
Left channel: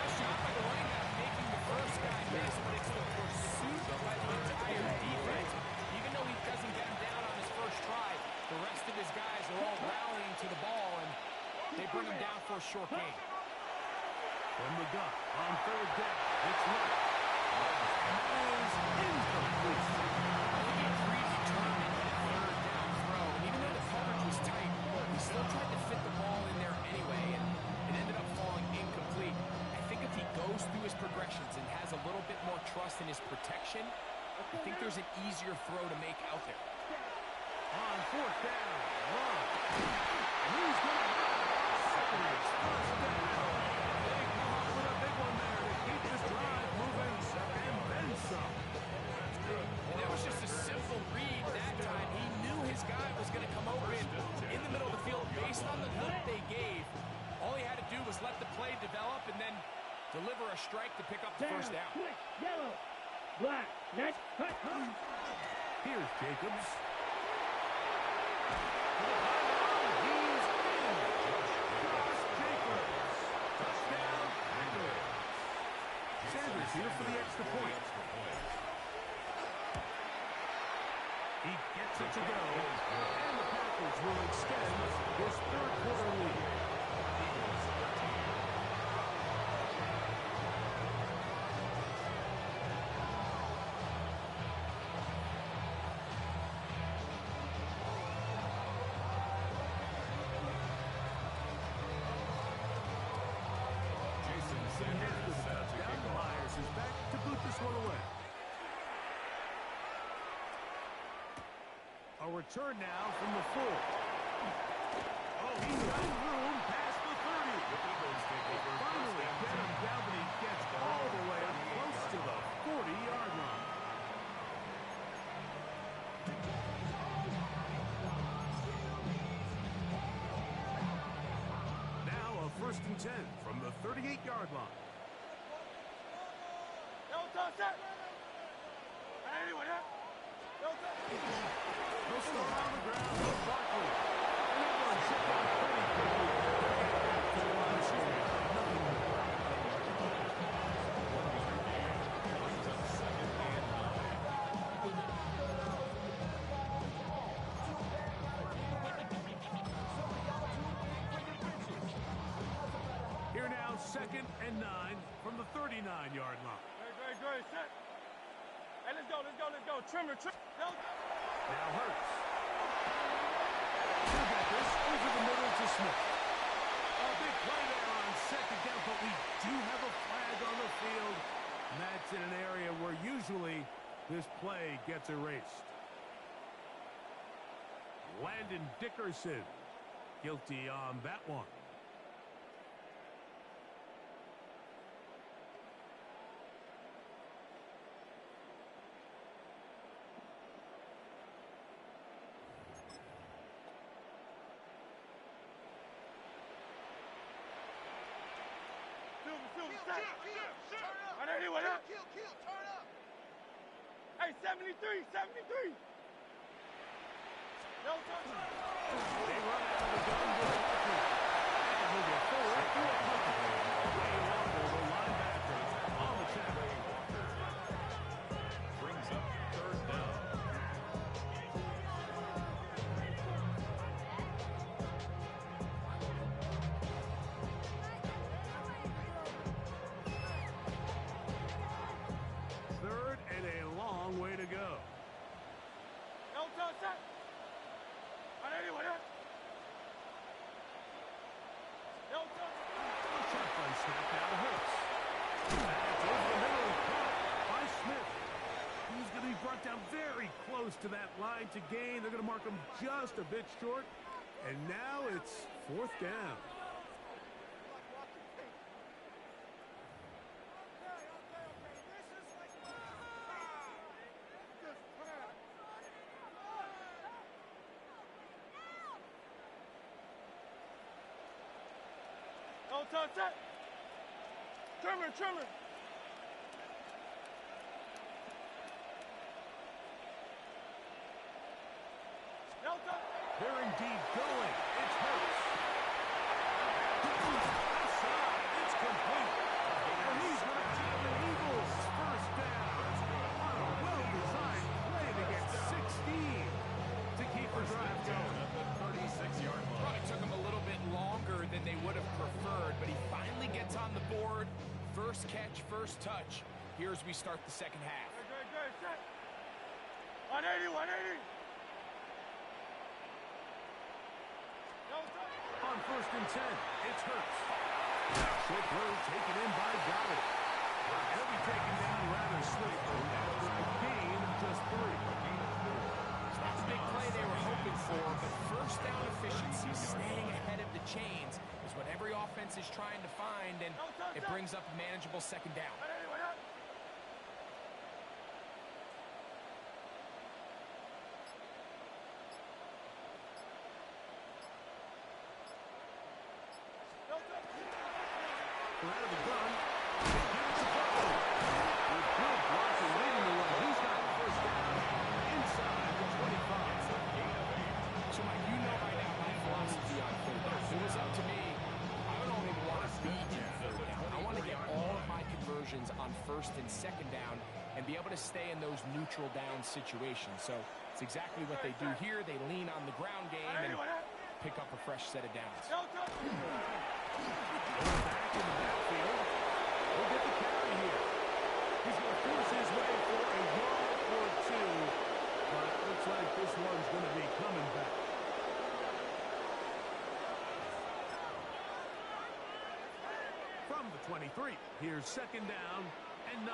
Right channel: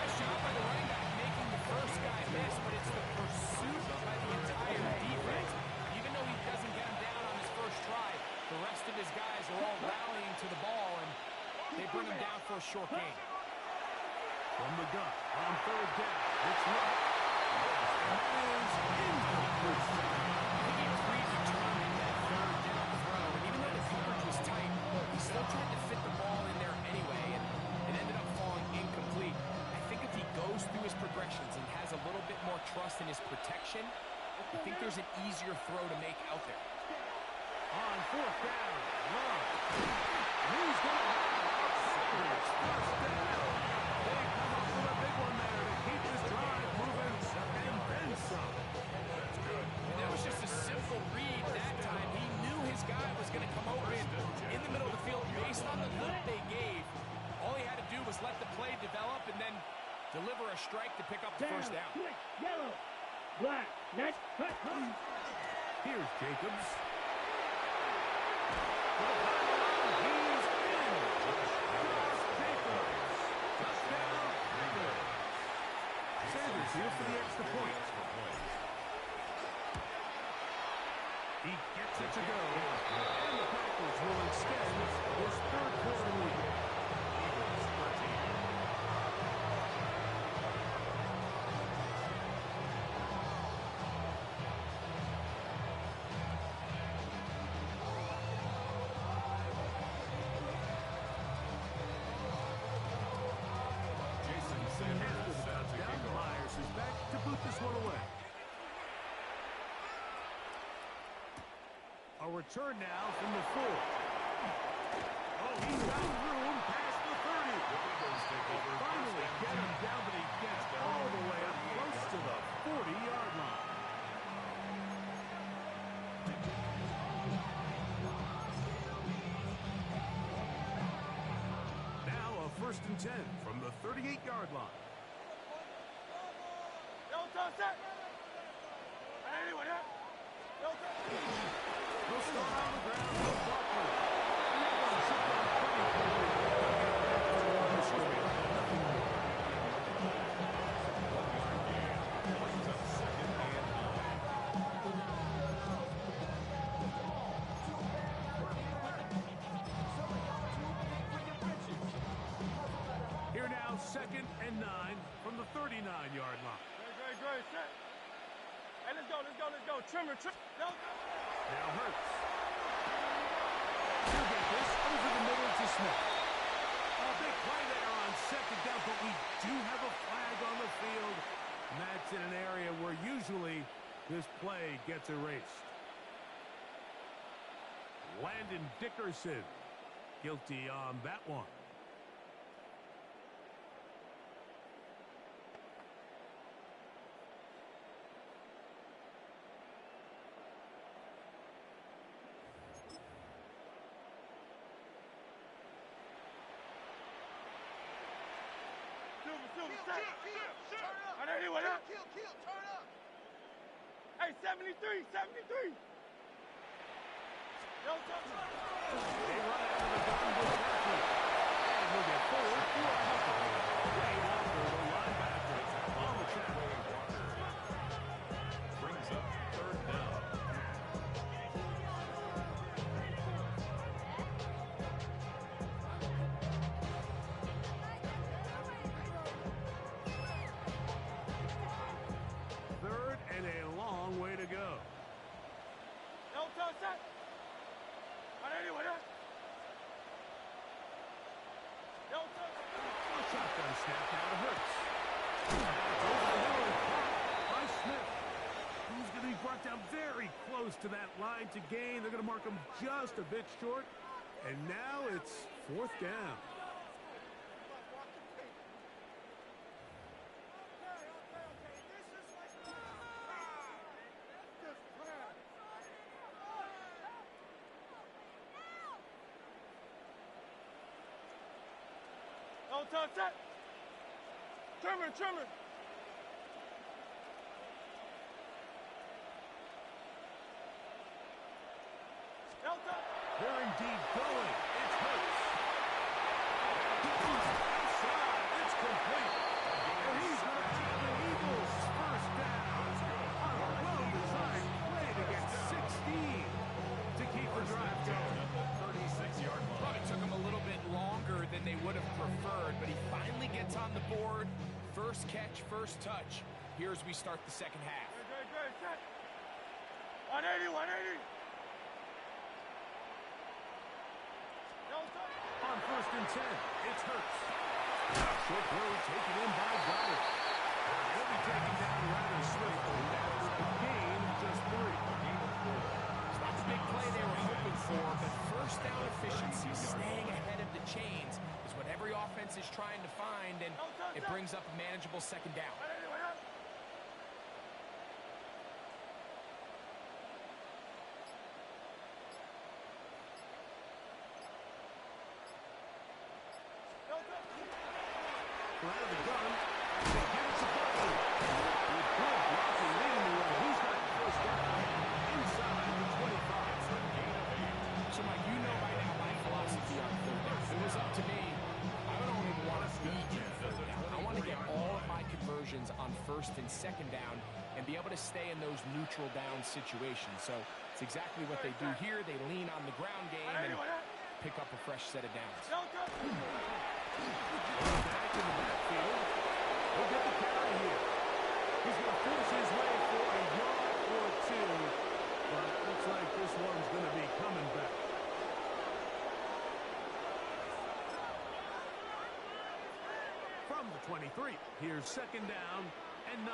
Nice job by the running back making the first guy miss, but it's the pursuit by the entire defense. Even though he doesn't get him down on his first try, the rest of his guys are all rallying to the ball, and they bring him down for a short gain. From the gun on 3rd down, it's right. And that is incomplete. I think he predetermined that 3rd down throw, and even though the coverage was tight, he still tried to fit the ball in there anyway, and it ended up falling incomplete. I think if he goes through his progressions and has a little bit more trust in his protection, I think there's an easier throw to make out there. On 4th down, run. And he's going to have a Packers first down. They come up with a big one there to keep this drive moving, and then some. That's good. And that was just a simple read that time. He knew his guy was going to come open in the middle of the field based on the look they gave. All he had to do was let the play develop and then deliver a strike to pick up the first down. Switch. Yellow. Black. Next. Cut. Here's Jacobs. To the pylon, he's in. Josh Jacobs. Touchdown, Packers. Sanders here for the extra point. He gets it to go, and the Packers will extend this 3rd quarter lead. Eagles 13. Jason Sanders set to kick off. Myers is back to boot this one away. A return now from the 4. Oh, he's got room past the 30. The Eagles take over. Finally get him down, but he gets all the way up close to the 40-yard line. Now a 1st and 10 from the 38-yard line. Yo, touch that. Anyone here? Yo, touch. He'll start on the ground with Barkley. And that one shut down pretty quickly. Back to the line of scrimmage. Nothing more. 1-yard gain. Brings up 2nd and 9. Here now, 2nd and 9 from the 39-yard line. Great. Set. Hey, let's go. Trimmer. Yo, Now Hurts. He'll get this over the middle to Smith. A big play there on 2nd down, but we do have a flag on the field. And that's in an area where usually this play gets erased. Landon Dickerson guilty on that one. Silver, set. Are there anyone else? Turn up. Hey, 73. Yo, touch. They run out of the gun with Barkley. And he'll get forward for a punt. Wayne Walker, the linebacker, on the tackle. Wayne Walker brings up 3rd down. Third and a long way to go. Yo, touch that. Are there anyone here? Yo, touch. A shotgun snap now to Hurts. That's over the middle, caught by Smith. He's going to be brought down very close to that line to gain. They're going to mark him just a bit short. And now it's 4th down. Yo, touch that. Trimmer, trimmer. Delta. They're indeed going. It's Hurts. Left side. It's complete. And he's going to have the Eagles first down. On a well-designed play to get 16 to keep the drive going. At the 36-yard line. Probably took him a little bit longer than they would have preferred, but he finally gets on the board. First catch, first touch. Here as we start the second half. Good, set. 180, 180. Delta. On 1st and 10, it's Hurts. Short throw taken in by Goddard. He'll be taken down rather swiftly after a gain of just 3. It's not the big play they were hoping for, but first down efficiency, staying ahead of the chains, is what every offense is trying to find, and it brings up a manageable second down. 180, 180. Delta. Out of the gun. They give it to Buckley. With good blocking leading the way. He's got the first down inside the 25. It's a gain of 8. So, Mike, you know by now my philosophy on third down. If it was up to me, I don't even want to be in third down. I want to get all of my conversions on first and second down and be able to stay in those neutral down situations. So it's exactly what they do here. They lean on the ground game and pick up a fresh set of downs. Delta. Back in the backfield. He'll get the carry here. He's going to force his way for a yard or 2. But looks like this one's going to be coming back. From the 23, here's second down and 9.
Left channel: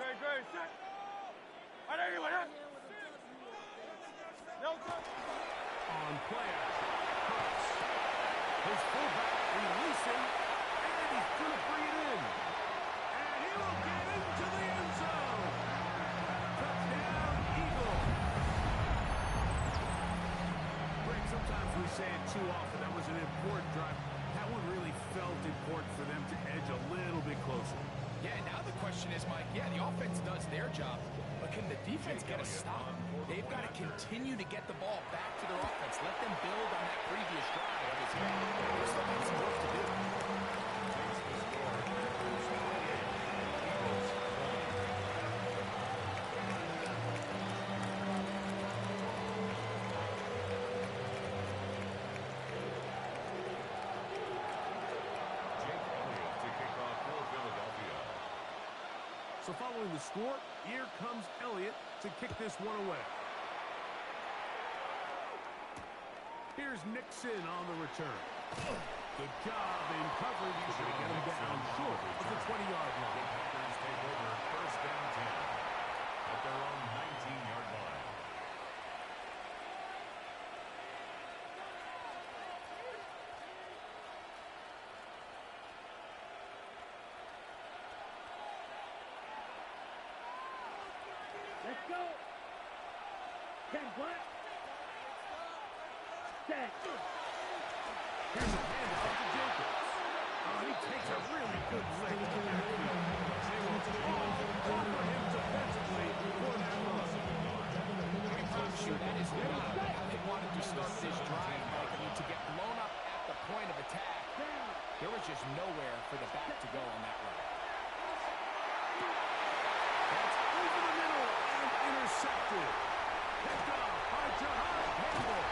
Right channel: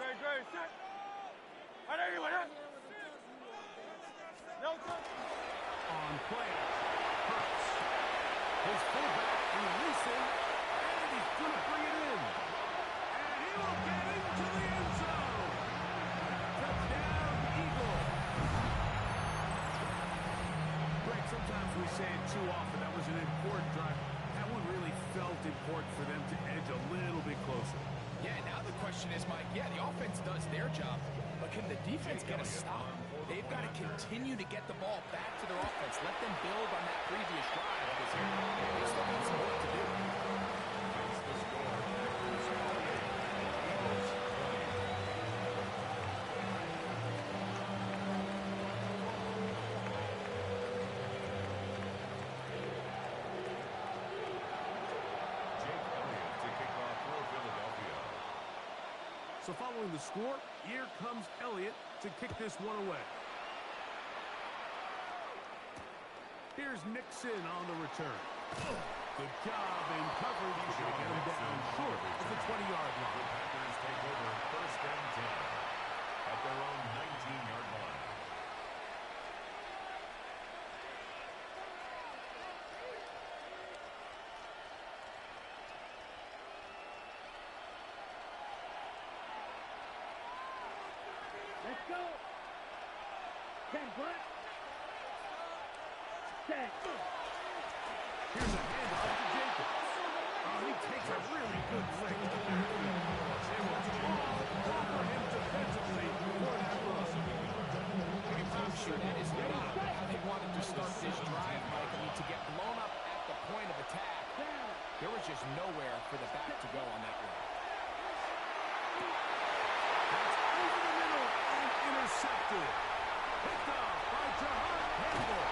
Good, set. 180, 180. Delta. On play action, Hurts. His fullback releasing, and he's going to bring it in. And he will get into the end zone. Touchdown, Eagle. Greg, sometimes we say it too often. That was an important drive. That one really felt important for them to edge a little bit closer. Yeah, now the question is, Mike, yeah, the offense does their job, but can the defense get a stop? They've got to continue to get the ball back to their offense. Let them build on that previous drive because they've still got some work to do. Takes the score. Packers 28. Eagles 20. Jake Elliott to kick off for Philadelphia. So following the score, here comes Elliott to kick this one away. Here's Nixon on the return. Good job in coverage. He's going to get him down short of the 20-yard The line. Packers take over 1st and 10 at their own 19-yard line. Let's go. 10 black. Set. Here's a handoff to Jacobs. Oh, he takes a really good lick to the backfield. They will all over him defensively for that loss. I can promise you that is not how they wanted to start this drive, Mike. I mean, to get blown up at the point of attack, there was just nowhere for the back to go on that one. That's over the middle and intercepted. Picked off by Jahad Campbell.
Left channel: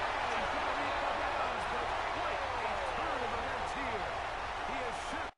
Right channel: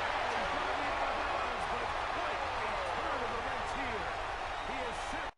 And he's going to be out of bounds, but quite a turn of events here. He has set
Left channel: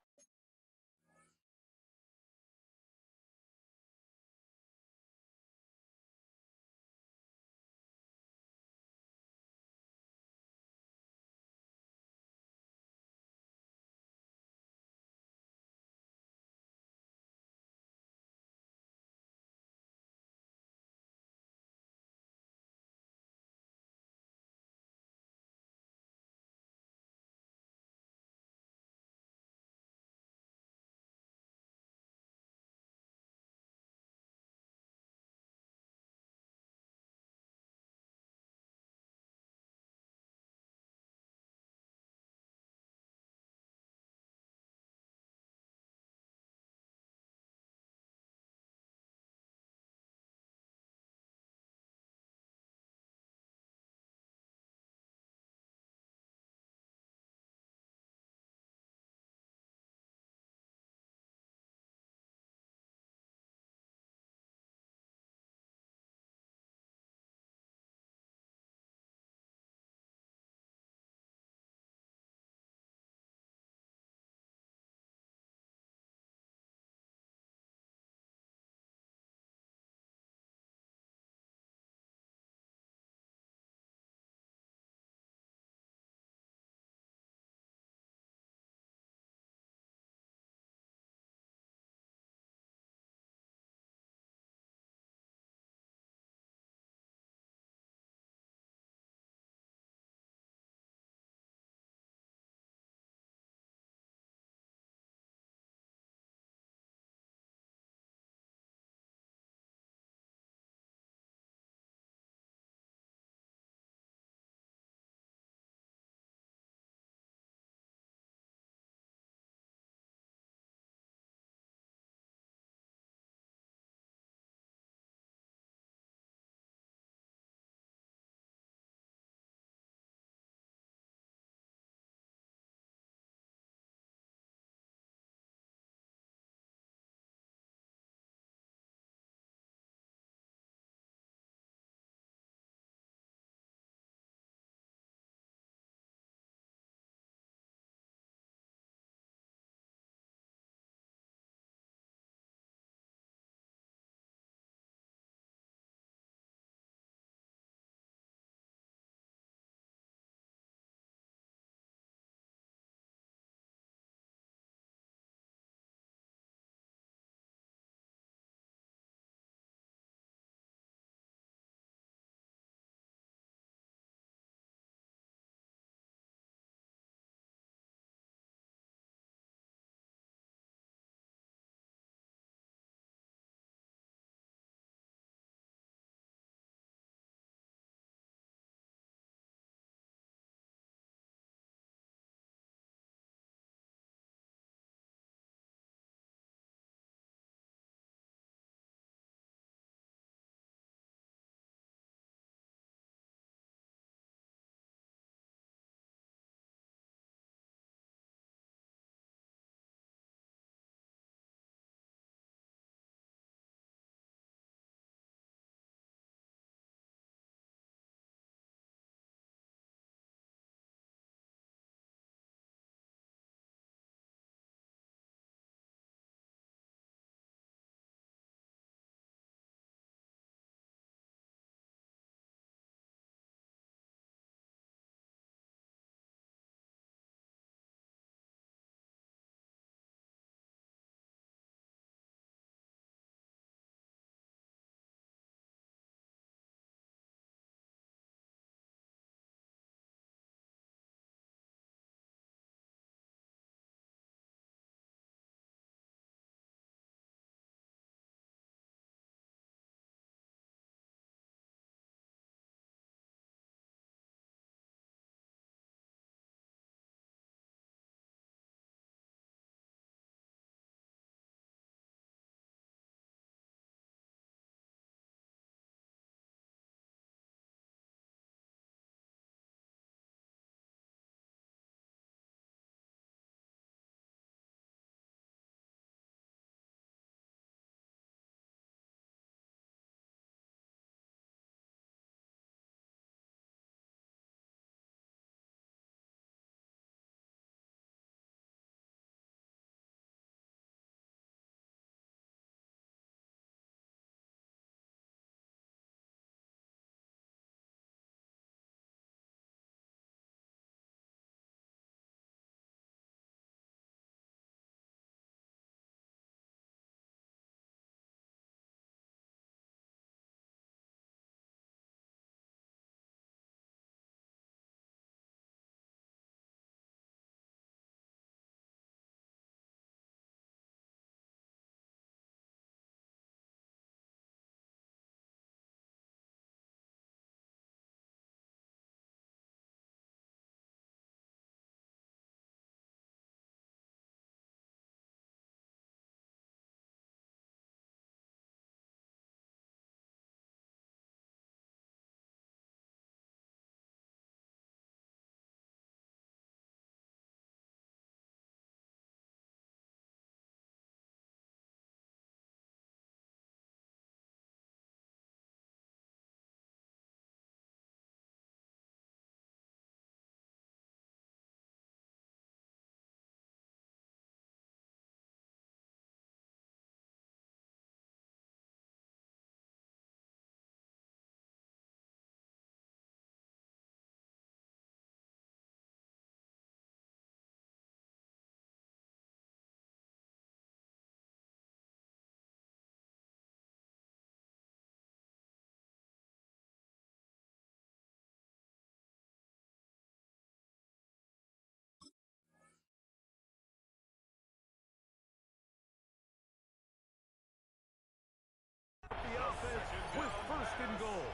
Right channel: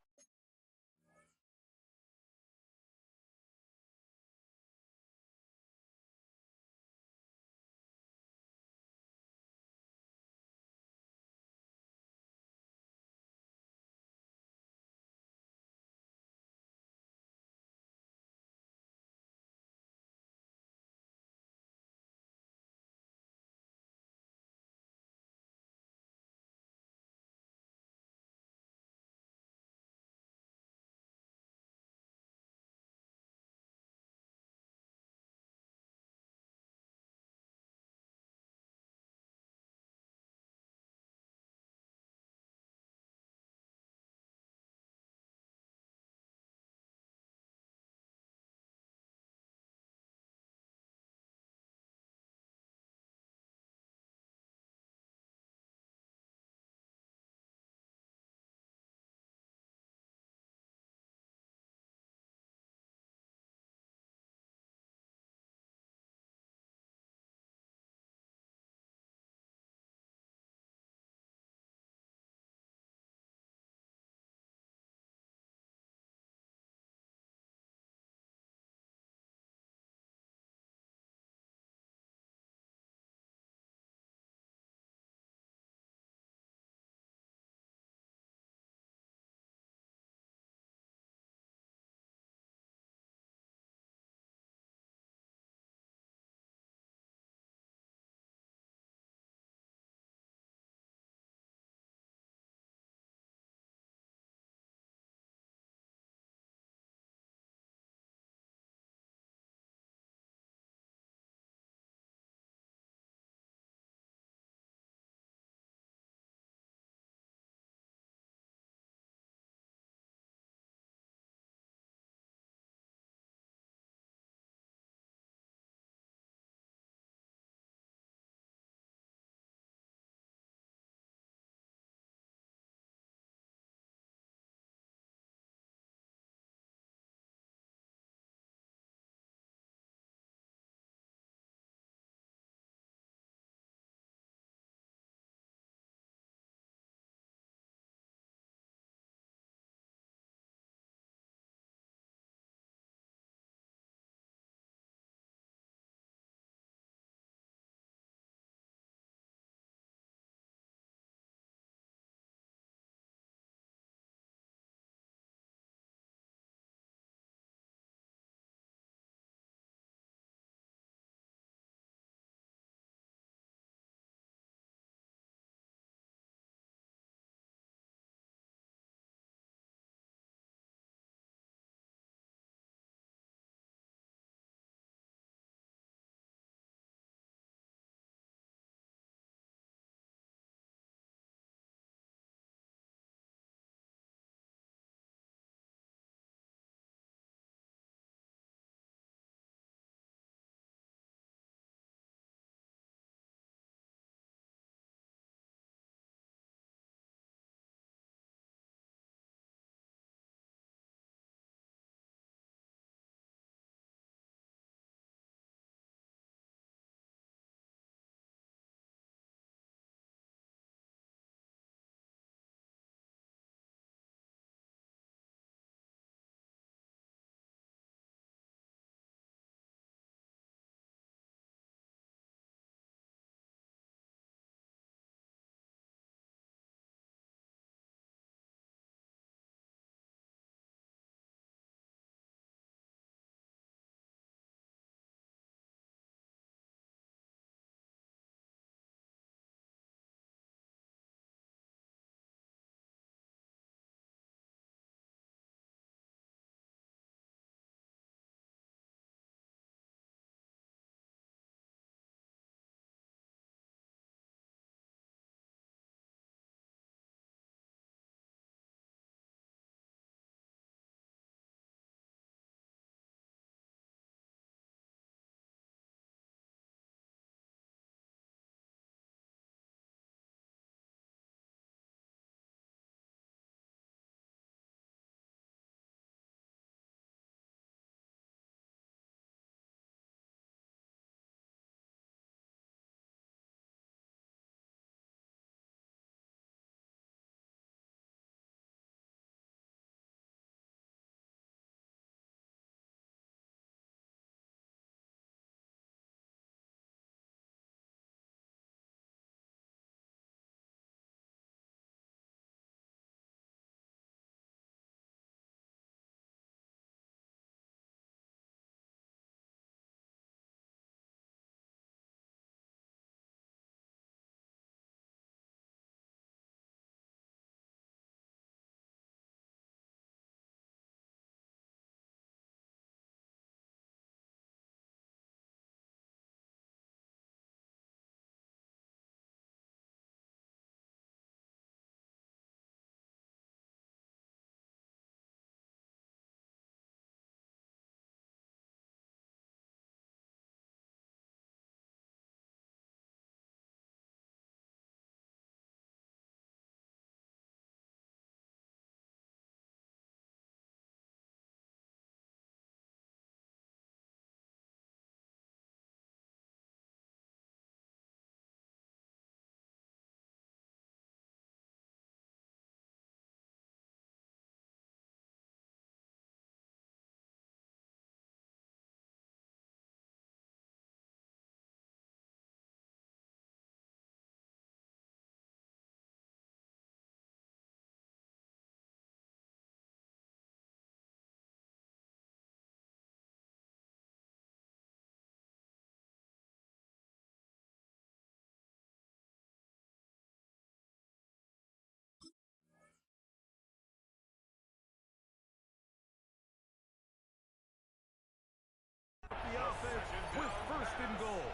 first and goal.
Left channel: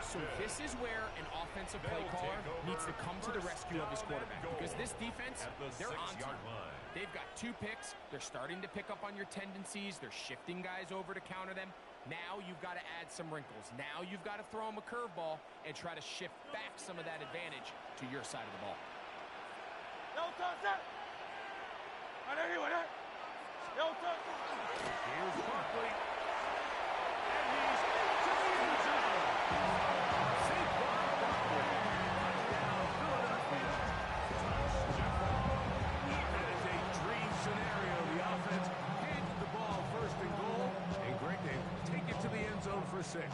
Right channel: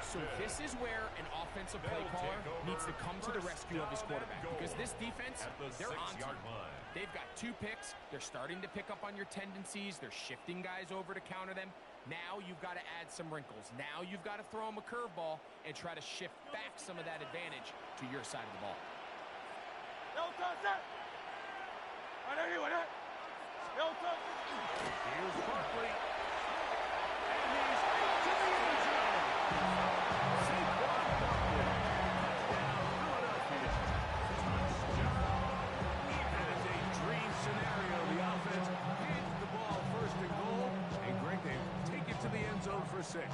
So this is where an offensive play caller needs to come to the rescue of his quarterback, because this defense, they're on to you. They've got 2 picks. They're starting to pick up on your tendencies. They're shifting guys over to counter them. Now you've got to add some wrinkles. Now you've got to throw them a curveball and try to shift back some of that advantage to your side of the ball. No touch that. No touch. Here's Barkley. And he's into the end zone. Saquon Barkley. Touchdown, Philadelphia. That is a dream scenario. The offense hands the ball first and goal. And Greg, they take it to the end zone for 6.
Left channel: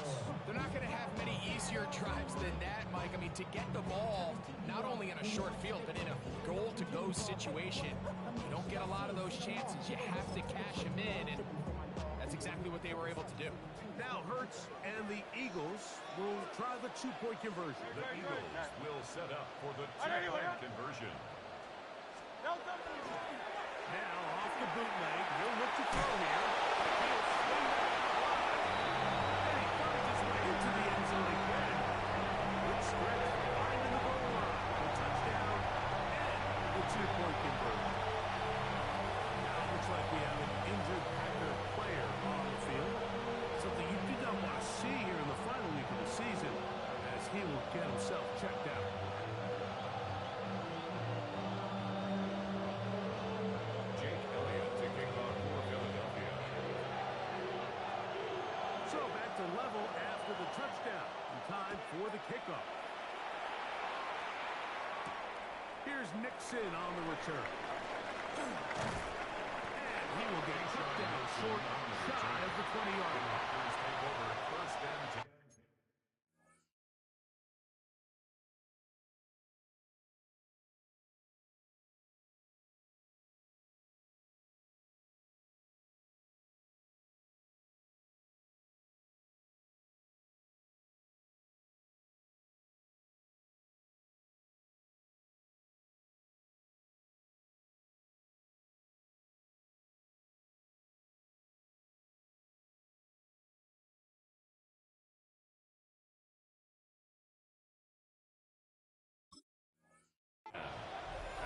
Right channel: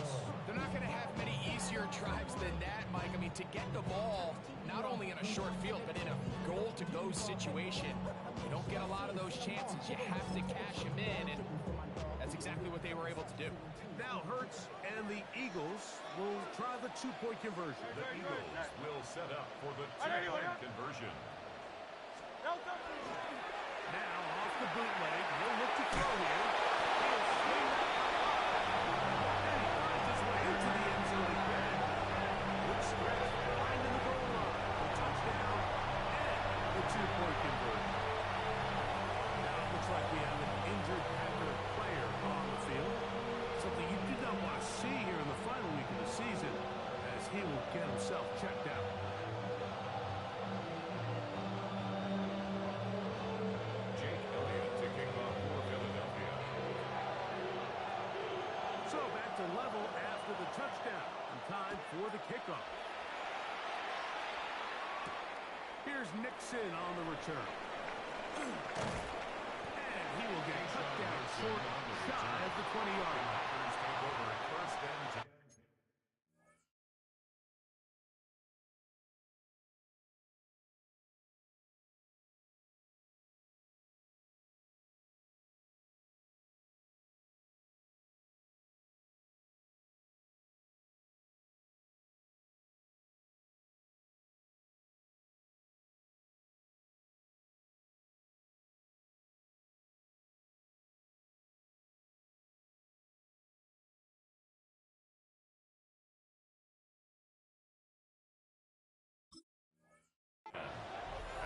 They're not going to have many easier drives than that, Mike. I mean, to get the ball, not only in a short field, but in a goal-to-go situation, you don't get a lot of those chances. You have to cash them in, and that's exactly what they were able to do. Now Hurts and the Eagles will try the 2-point conversion. The Eagles will set up for the 2-point conversion. No touch. Now off the bootleg, he'll look to throw here. He'll swing that out wide. And he finds his way into the end zone again. Good stretch, finding the goal line. The touchdown and the 2-point conversion. Now it looks like we have an injured Packer player on the field. Something you did not want to see here in the final week of the season, as he will get himself checked out. Jake Elliott to kick off for Philadelphia. So back to level after the touchdown. And time for the kickoff. Here's Nixon on the return. And he will get cut down short, shy of the 20-yard line. Packers take over at first and 10.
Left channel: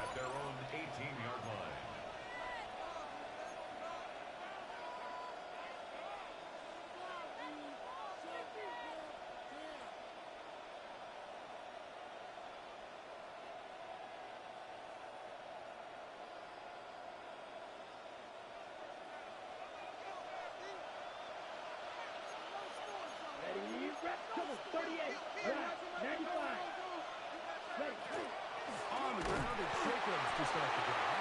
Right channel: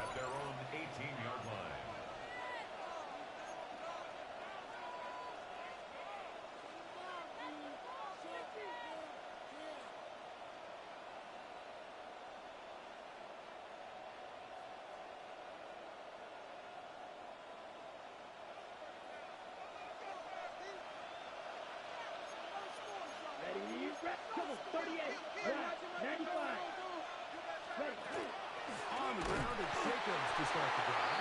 At their own 18-yard line. Ready, rep, double, 38, right, 95. Ready, On the ground, it's Jacobs to start the drive.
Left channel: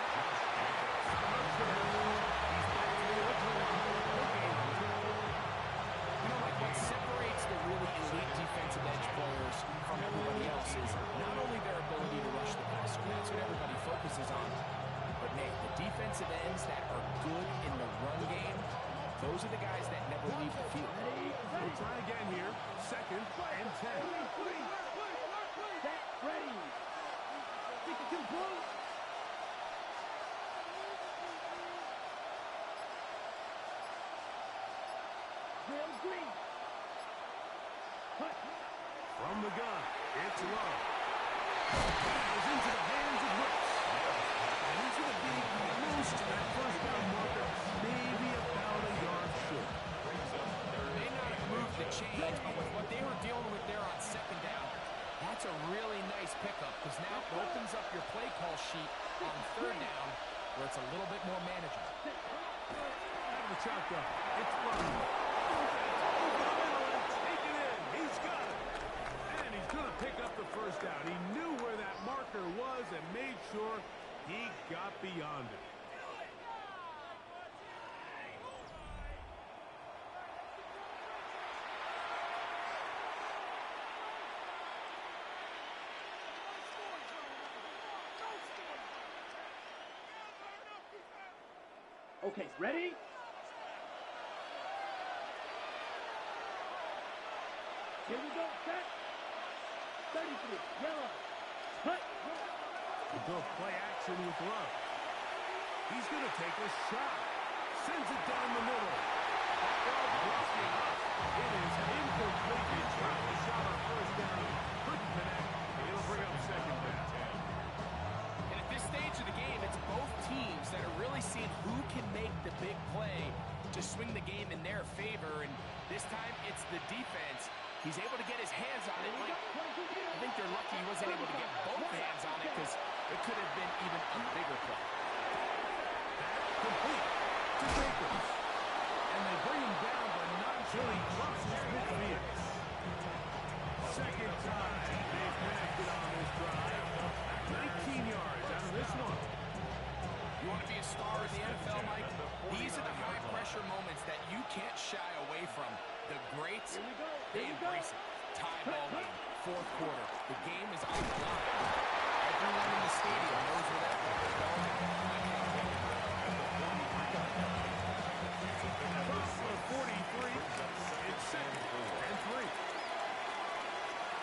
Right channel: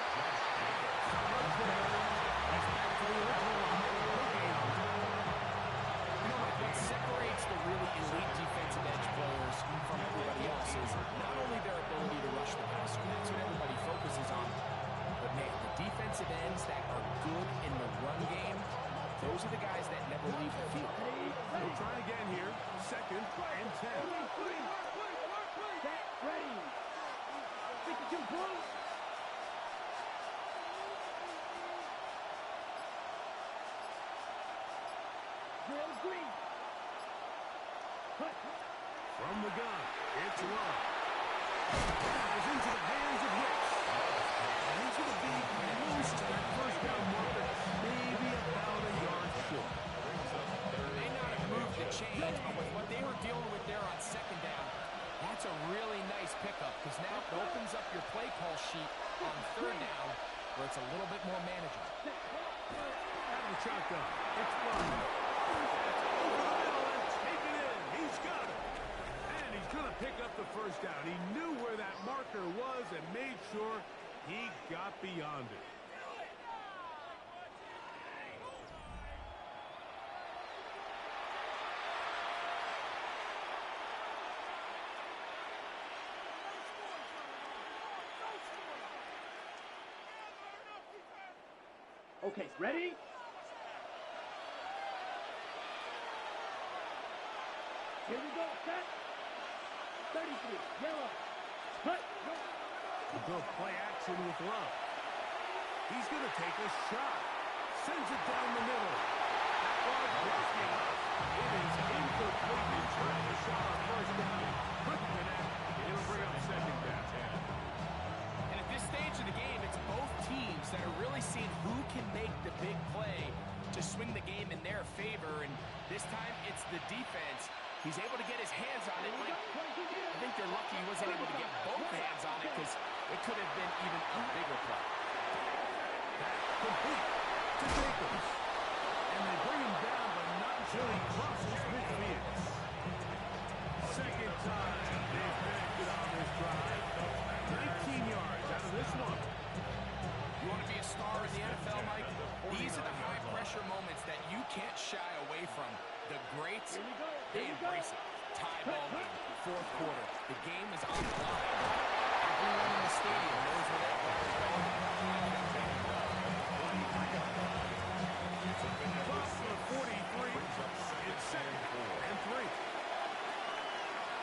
He's back to the original line. No gain on that. You know, Mike, what separates the really elite defensive edge players from everybody else is not only their ability to rush the passer. That's what everybody focuses on. But, man, the defensive ends that are good in the run game, those are the guys that never leave the field. We'll try again here. 2nd and 10. set, ready. 52 close. Drill green. Cut. From the gun, it's Love. That is into the hands of Hicks. And he's going to be close to that first down marker, maybe about a yard short. May not have moved the chains, but with what they were dealing with there on 2nd down, that's a really nice pickup, because now it opens up your play call sheet on 3rd down, where it's a little bit more manageable. Out of the shotgun, it's Love. That's over the middle and take it in. He's got it. And he's going to pick up the first down. He knew where that marker was and made sure he got beyond it. Okay, ready? Here we go, set. 33, yellow. Cut. We'll go play action with Love. He's going to take a shot. Sends it down the middle. That ball blocking up. It is incomplete. He tried a shot on first down. Couldn't connect. It'll bring up second down. And at this stage of the game, it's both teams that are really seeing who can make the big play to swing the game in their favor. And this time, it's the defense. He's able to get his hands on it. I think they're lucky he wasn't able to get both hands on it because it could have been even a bigger play. That complete to Jacobs. And they bring him down, but not until he crosses midfield. Second time they've connected on this drive. 19 yards out of this one. You want to be a star in the NFL, Mike? These are the high-pressure moments that you can't shy away from. The greats, they embrace it. Tie ball game, fourth quarter. The game is on the line. Everyone in the stadium knows where that ball is going. Across the 43, it's second and 3.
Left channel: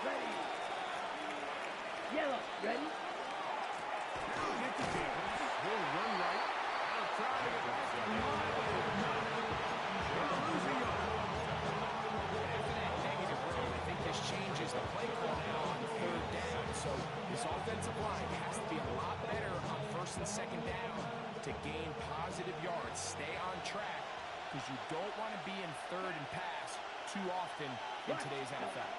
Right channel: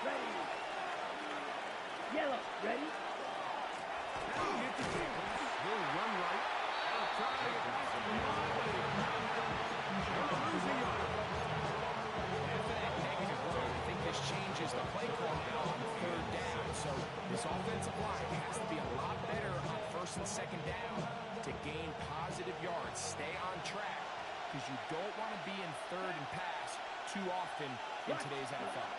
Ready. Yellow. Ready. Now we get to Jacobs. He'll run right. He'll try to get back to the line, but it will not help. He'll lose a yard. After that negative run, I think this changes the play call now on third down. So this offensive line has to be a lot better on first and second down to gain positive yards. Stay on track because you don't want to be in third and pass too often in today's NFL.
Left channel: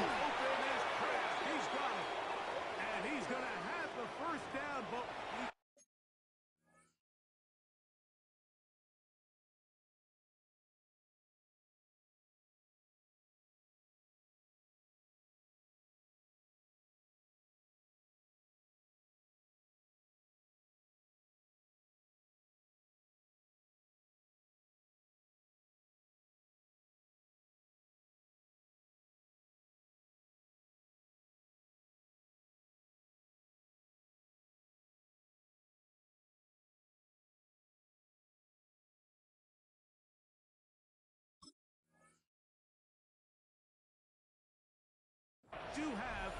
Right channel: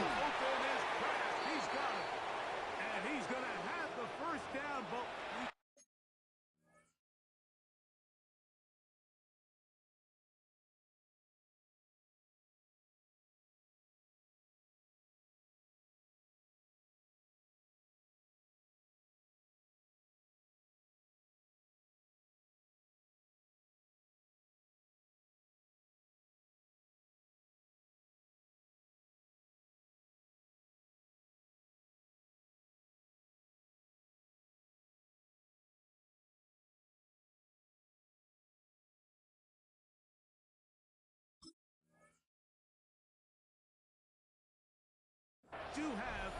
Open is Kraft. He's got it. And he's going to have the first down, but do have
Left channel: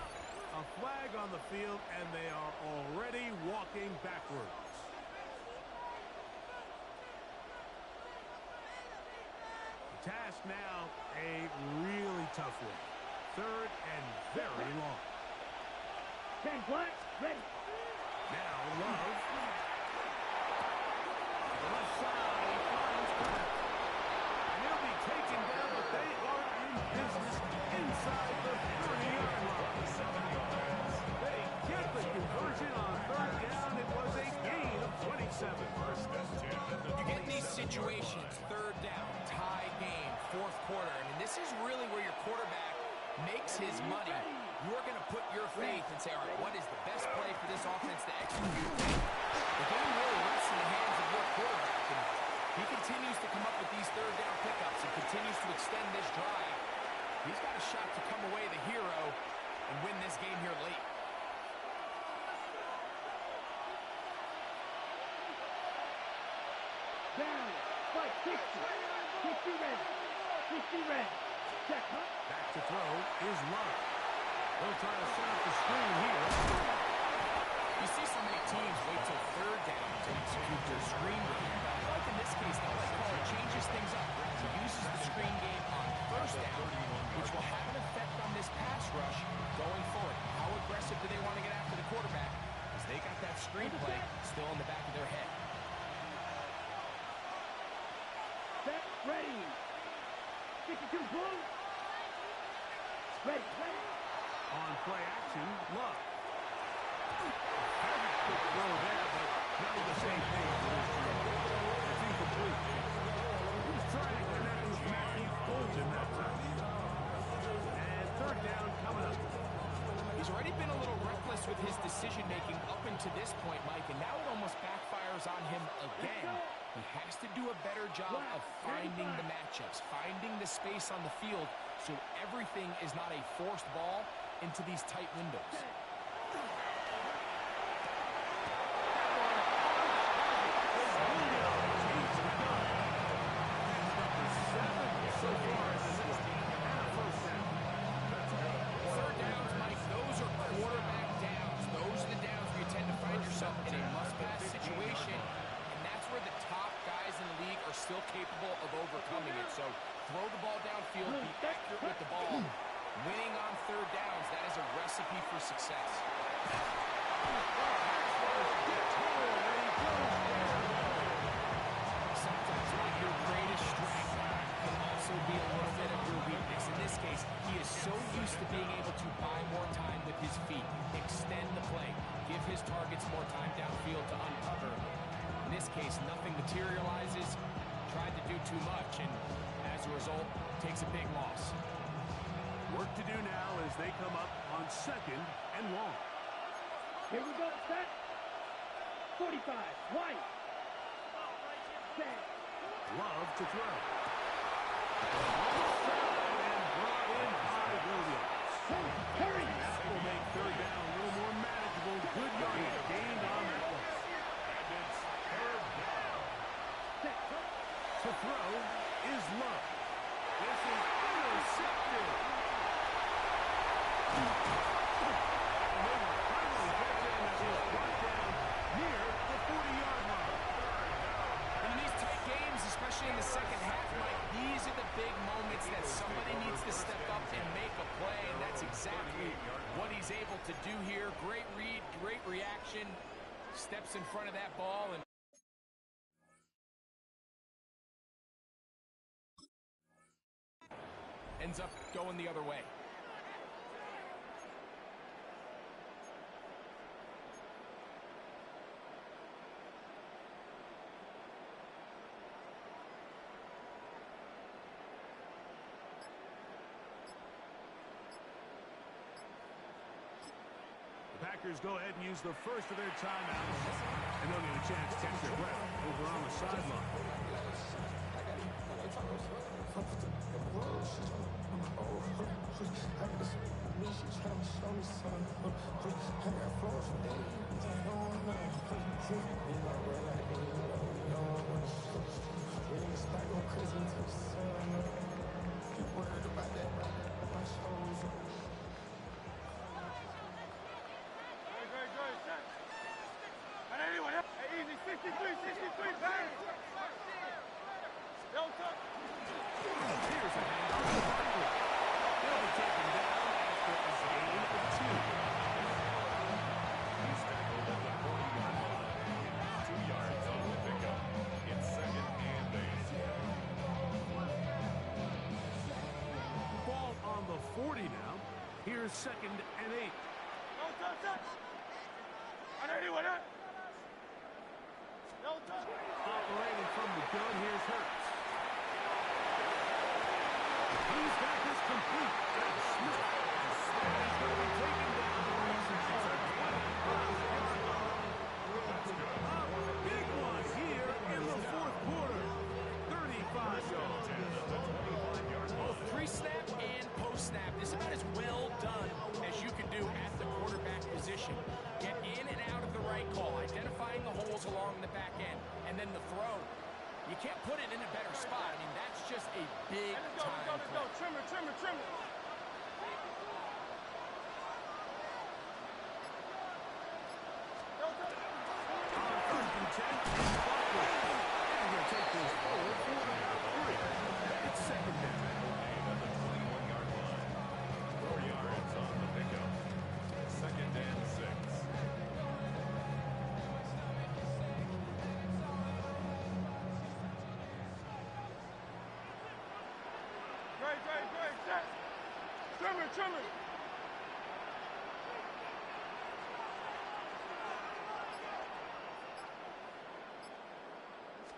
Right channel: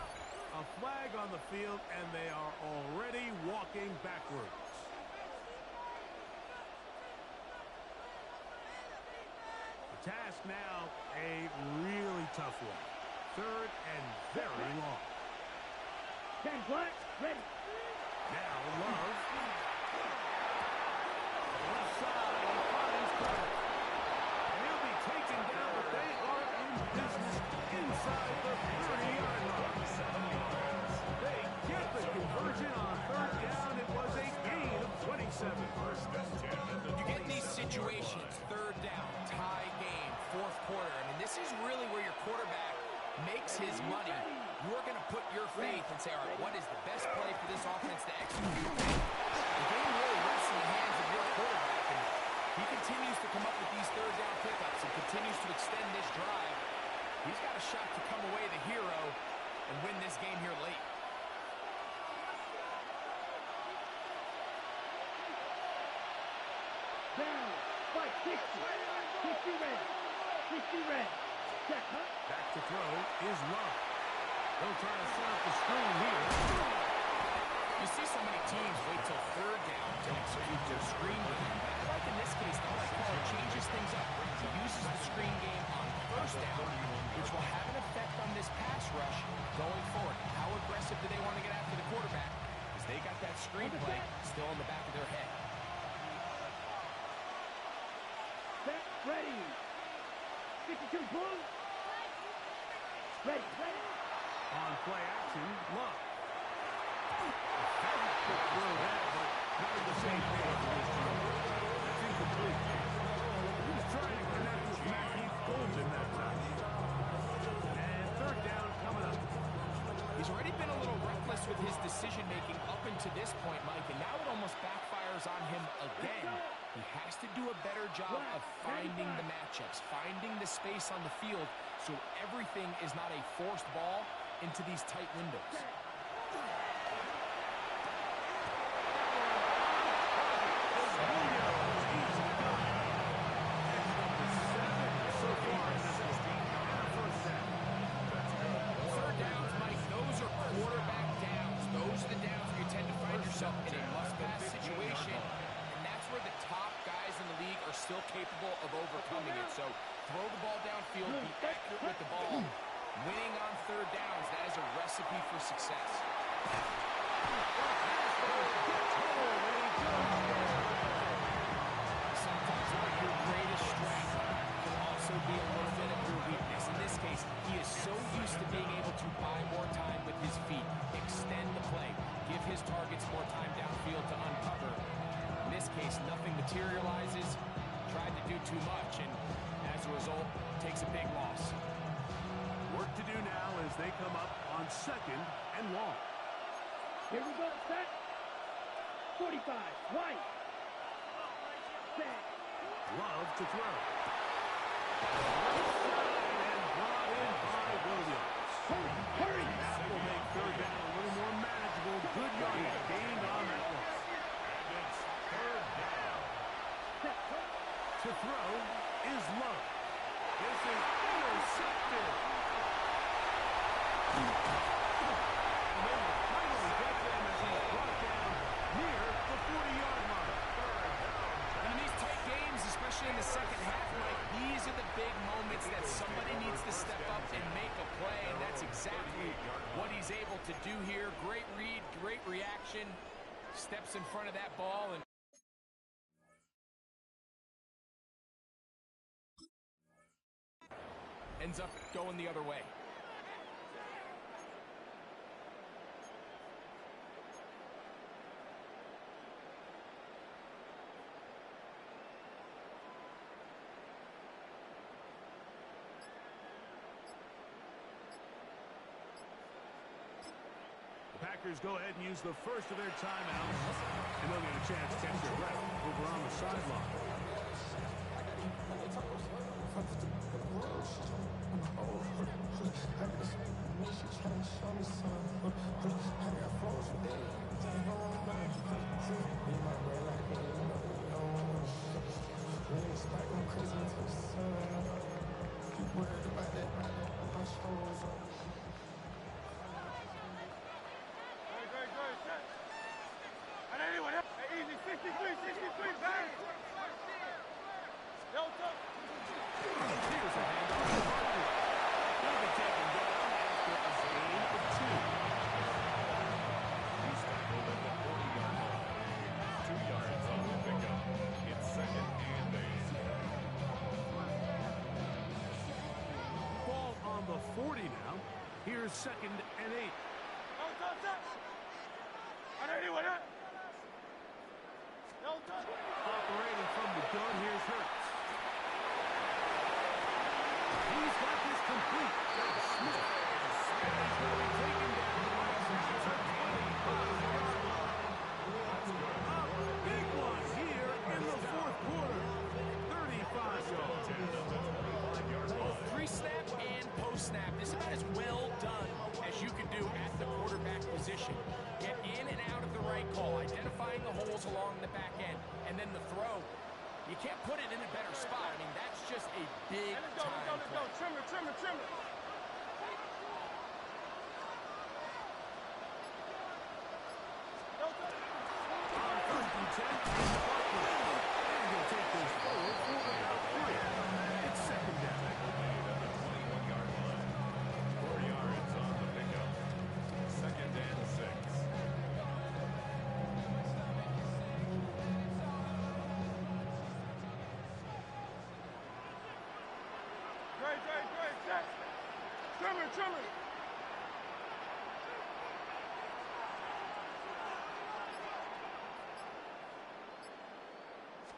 a flag on the field, and they are already walking backwards. The task now, a really tough one. Third and very long. 10 black. Ready. Now Love. The left side, he finds Kraft. And he'll be taken down, but they are in business inside the 30-yard line. 7 yards. They get the conversion on third down. It was a gain of 27. First and 10. You get in these situations, third down, tie game, fourth quarter. I mean, this is really where your quarterback makes his money. You're going to put your faith and say, all right, what is the best play for this offense to execute? The game really rests in the hands of your quarterback, and he continues to come up with these third down pickups and continues to extend this drive. He's got a shot to come away the hero and win this game here late. Down. Fight. 60. 60 red. 60 red. Check, huh? Back to throw is Love. They'll try to set up the screen here. You see so many teams wait till third down to execute their screen game. Like in this case, the play caller changes things up. He uses the screen game on first down, which will have an effect on this pass rush going forward. How aggressive do they want to get after the quarterback? Because they got that screen play still in the back of their head. Set. Ready. 52 blue. Ready. Ready. On play action, Love. Very quick throw there, but not at the same page this time. That's incomplete. He was trying to connect with Matthew Golden that time. And third down coming up. He's already been a little reckless with his decision-making up until this point, Mike, and now it almost backfires on him again. He has to do a better job of finding the matchups, finding the space on the field, so everything is not a forced ball into these tight windows. Third downs, Mike, those are quarterback downs. Those are the downs where you tend to find yourself in a must-pass situation, and that's where still capable of overcoming it. So throw the ball downfield, be accurate with the ball. Winning on third downs, that is a recipe for success. Sometimes, Mike, your greatest strength can also be a little bit of your weakness. In this case, he is so used to being able to buy more time with his feet, extend the play, give his targets more time downfield to uncover. In this case, nothing materializes, tried to do too much, and as a result, takes a big loss. Work to do now as they come up on 2nd and long. Here we go, set. 45, White. Set. Love to throw. Right side and brought in by Williams. Hurry! That will make third down a little more manageable. Good yardage gained on that one. And it's third down. Set. To throw is Love. This is intercepted. And they will finally get him as he's brought down near the 40-yard line. And in these tight games, especially in the second half, Mike, these are the big moments that somebody needs to step up and make a play, and that's exactly what he's able to do here. Great read, great reaction, steps in front of that ball, and ends up going the other way. The Packers go ahead and use the first of their timeouts, and they'll get a chance to catch their breath over on the sideline. Great, set. And anyway, hey, easy, 63, bang. Yo, tough. Here's a handoff to Barkley. He'll be taken down after a gain of 2. He's tackled at the 40-yard line. 2 yards on the pickup. It's 2nd and 8. Ball on the 40 now. Here's 2nd and 8. Yo, tough, set. And anyway, yo, tough. Operating from the gun, here's Hurts. He's got this complete. That's Smith. And he's going to be taken down right at the 25-yard line. A big one here in the 4th quarter. 35 yards. Both pre-snap and post-snap, this is about as well done as you can do at the quarterback position. Get in and out of the right call, identifying the holes along the back end, and then the throw. You can't put it in a better spot. I mean, that's just a big Let's time go. Trim it. Yo, tough. On 1st and 10, it's Barkley. And he'll take this forward for about 3. It's 2nd down. Made at the 21-yard line. 4 yards on the pickup. 2nd and 6. Great, set. Trim it.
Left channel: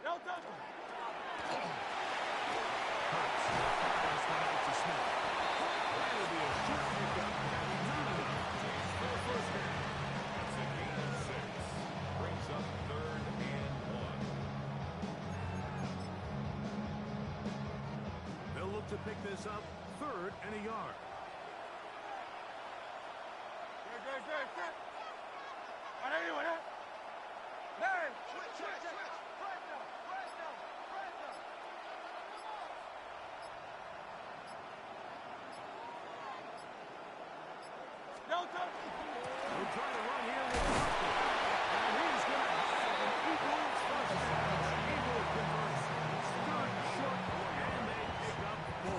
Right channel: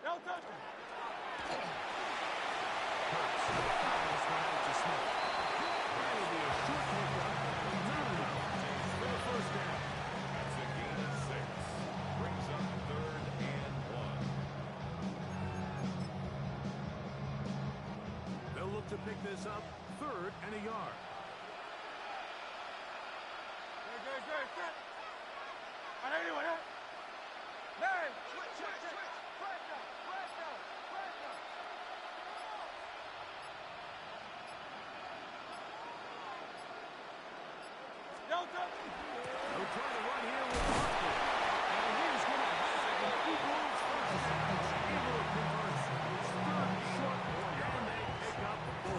Yo, tough. Hurts fires one out to Smith. That'll be a short pickup. That's not enough for the 1st down. That's a gain of 6. Brings up 3rd and 1. They'll look to pick this up 3rd and a yard. Great, set. And anyway, bang. Switch. Press now. Yo, tough. They'll try to run here with Barkley. And he's going to have Eagles first down. Able to convert. Third and short, and they pick up 4.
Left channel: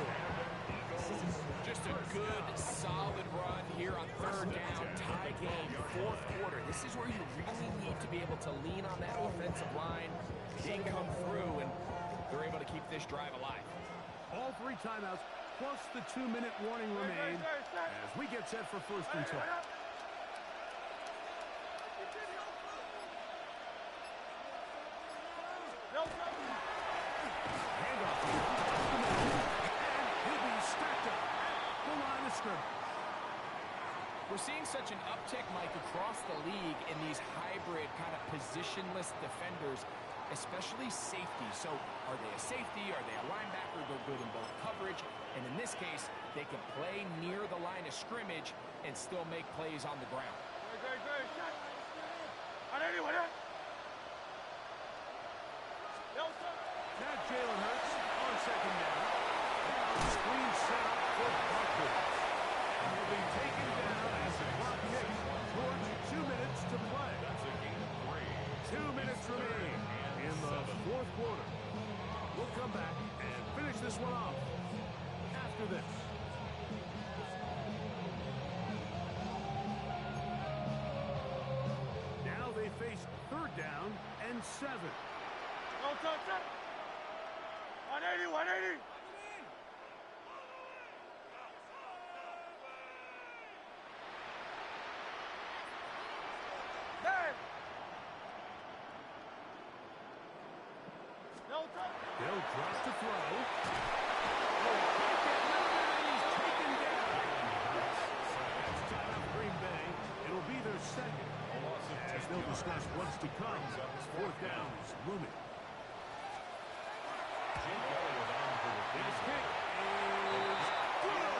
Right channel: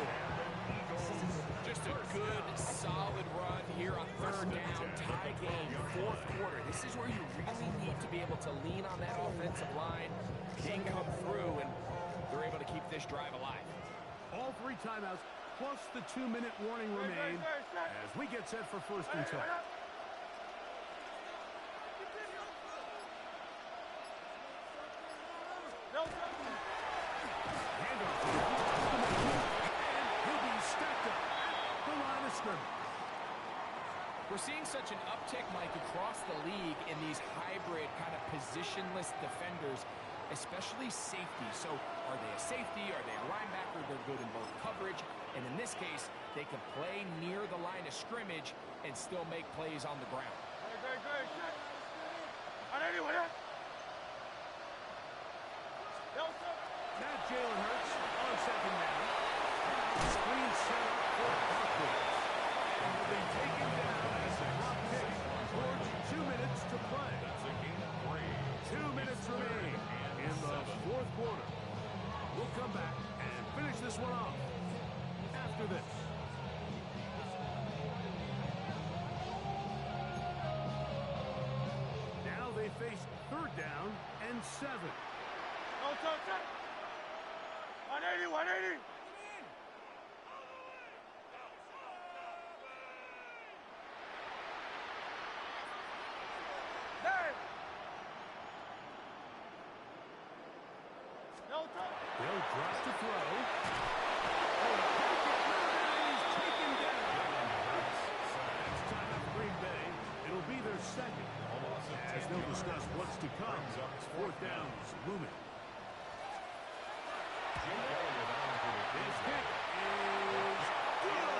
Just a good, solid run here on third down. Tie game, fourth quarter. This is where you really need to be able to lean on that offensive line. Didn't come through, and they're able to keep this drive alive. All 3 timeouts, plus the 2-minute warning remain as we get set for first and 10. Handoff here. And he'll be stacked up at the line of scrimmage. We're seeing such an uptick, Mike, across the league in these hybrid kind of positionless defenders, especially safety. So are they a safety? Are they a linebacker? They're good in both coverage. And in this case, they can play near the line of scrimmage and still make plays on the ground. Now Jalen Hurts on second down. Now screen set up for Barkley. And he'll be taken down as the clock ticks towards 2 minutes to play. That's a gain of 3. 2 minutes remain in the fourth quarter. We'll come back and finish this one off after this. Now they face third down and 7. No touch it. 180, 180. Hey. No touch. They'll drop to throw. Oh, he can't get rid of it, and he's taken down. That's time up Green Bay. It'll be their second. As they'll discuss what's to come. Fourth down is looming. His kick is good.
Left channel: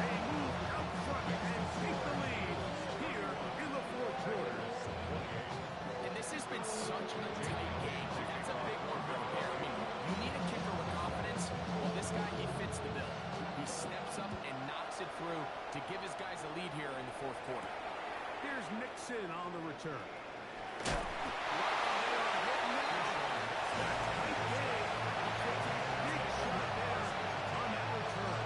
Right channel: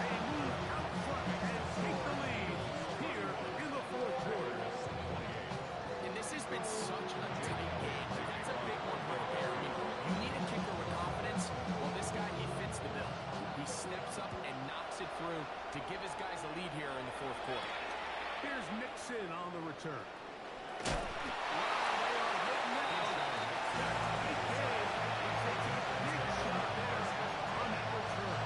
They move out front and take the lead here in the fourth quarter. And this has been such a tight game. That's a big one right there. I mean, you need a kicker with confidence. Well, this guy, he fits the bill. He steps up and knocks it through to give his guys a lead here in the fourth quarter. Here's Nixon on the return. Wow, they are hitting now. That's a tight game. He takes a big shot there on that return.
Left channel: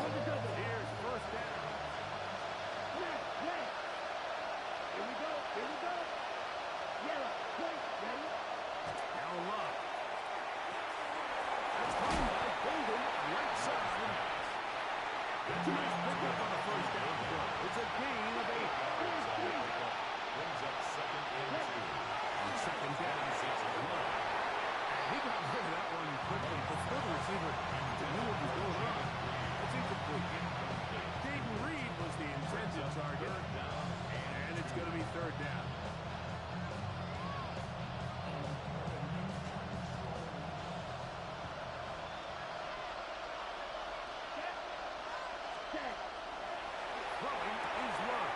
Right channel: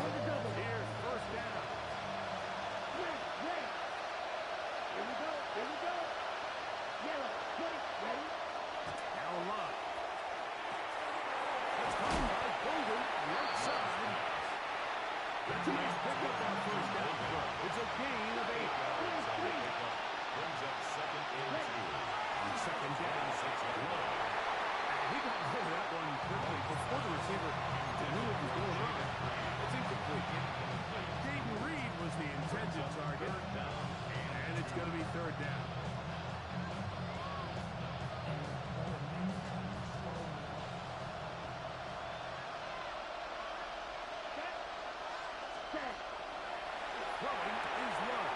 On the double. Here's first down. Red. Here we go. Yellow. White. Ready? Now Love. That's caught by Golden, right side. That's a nice pickup on a first down throw. It's a gain of 8. Brings up second and 2. On second down, Love. And he got rid of that one quickly before the receiver knew what was going on. It's incomplete. Dayton Reed was the intended target. And it's going to be third down. Throwing is Love.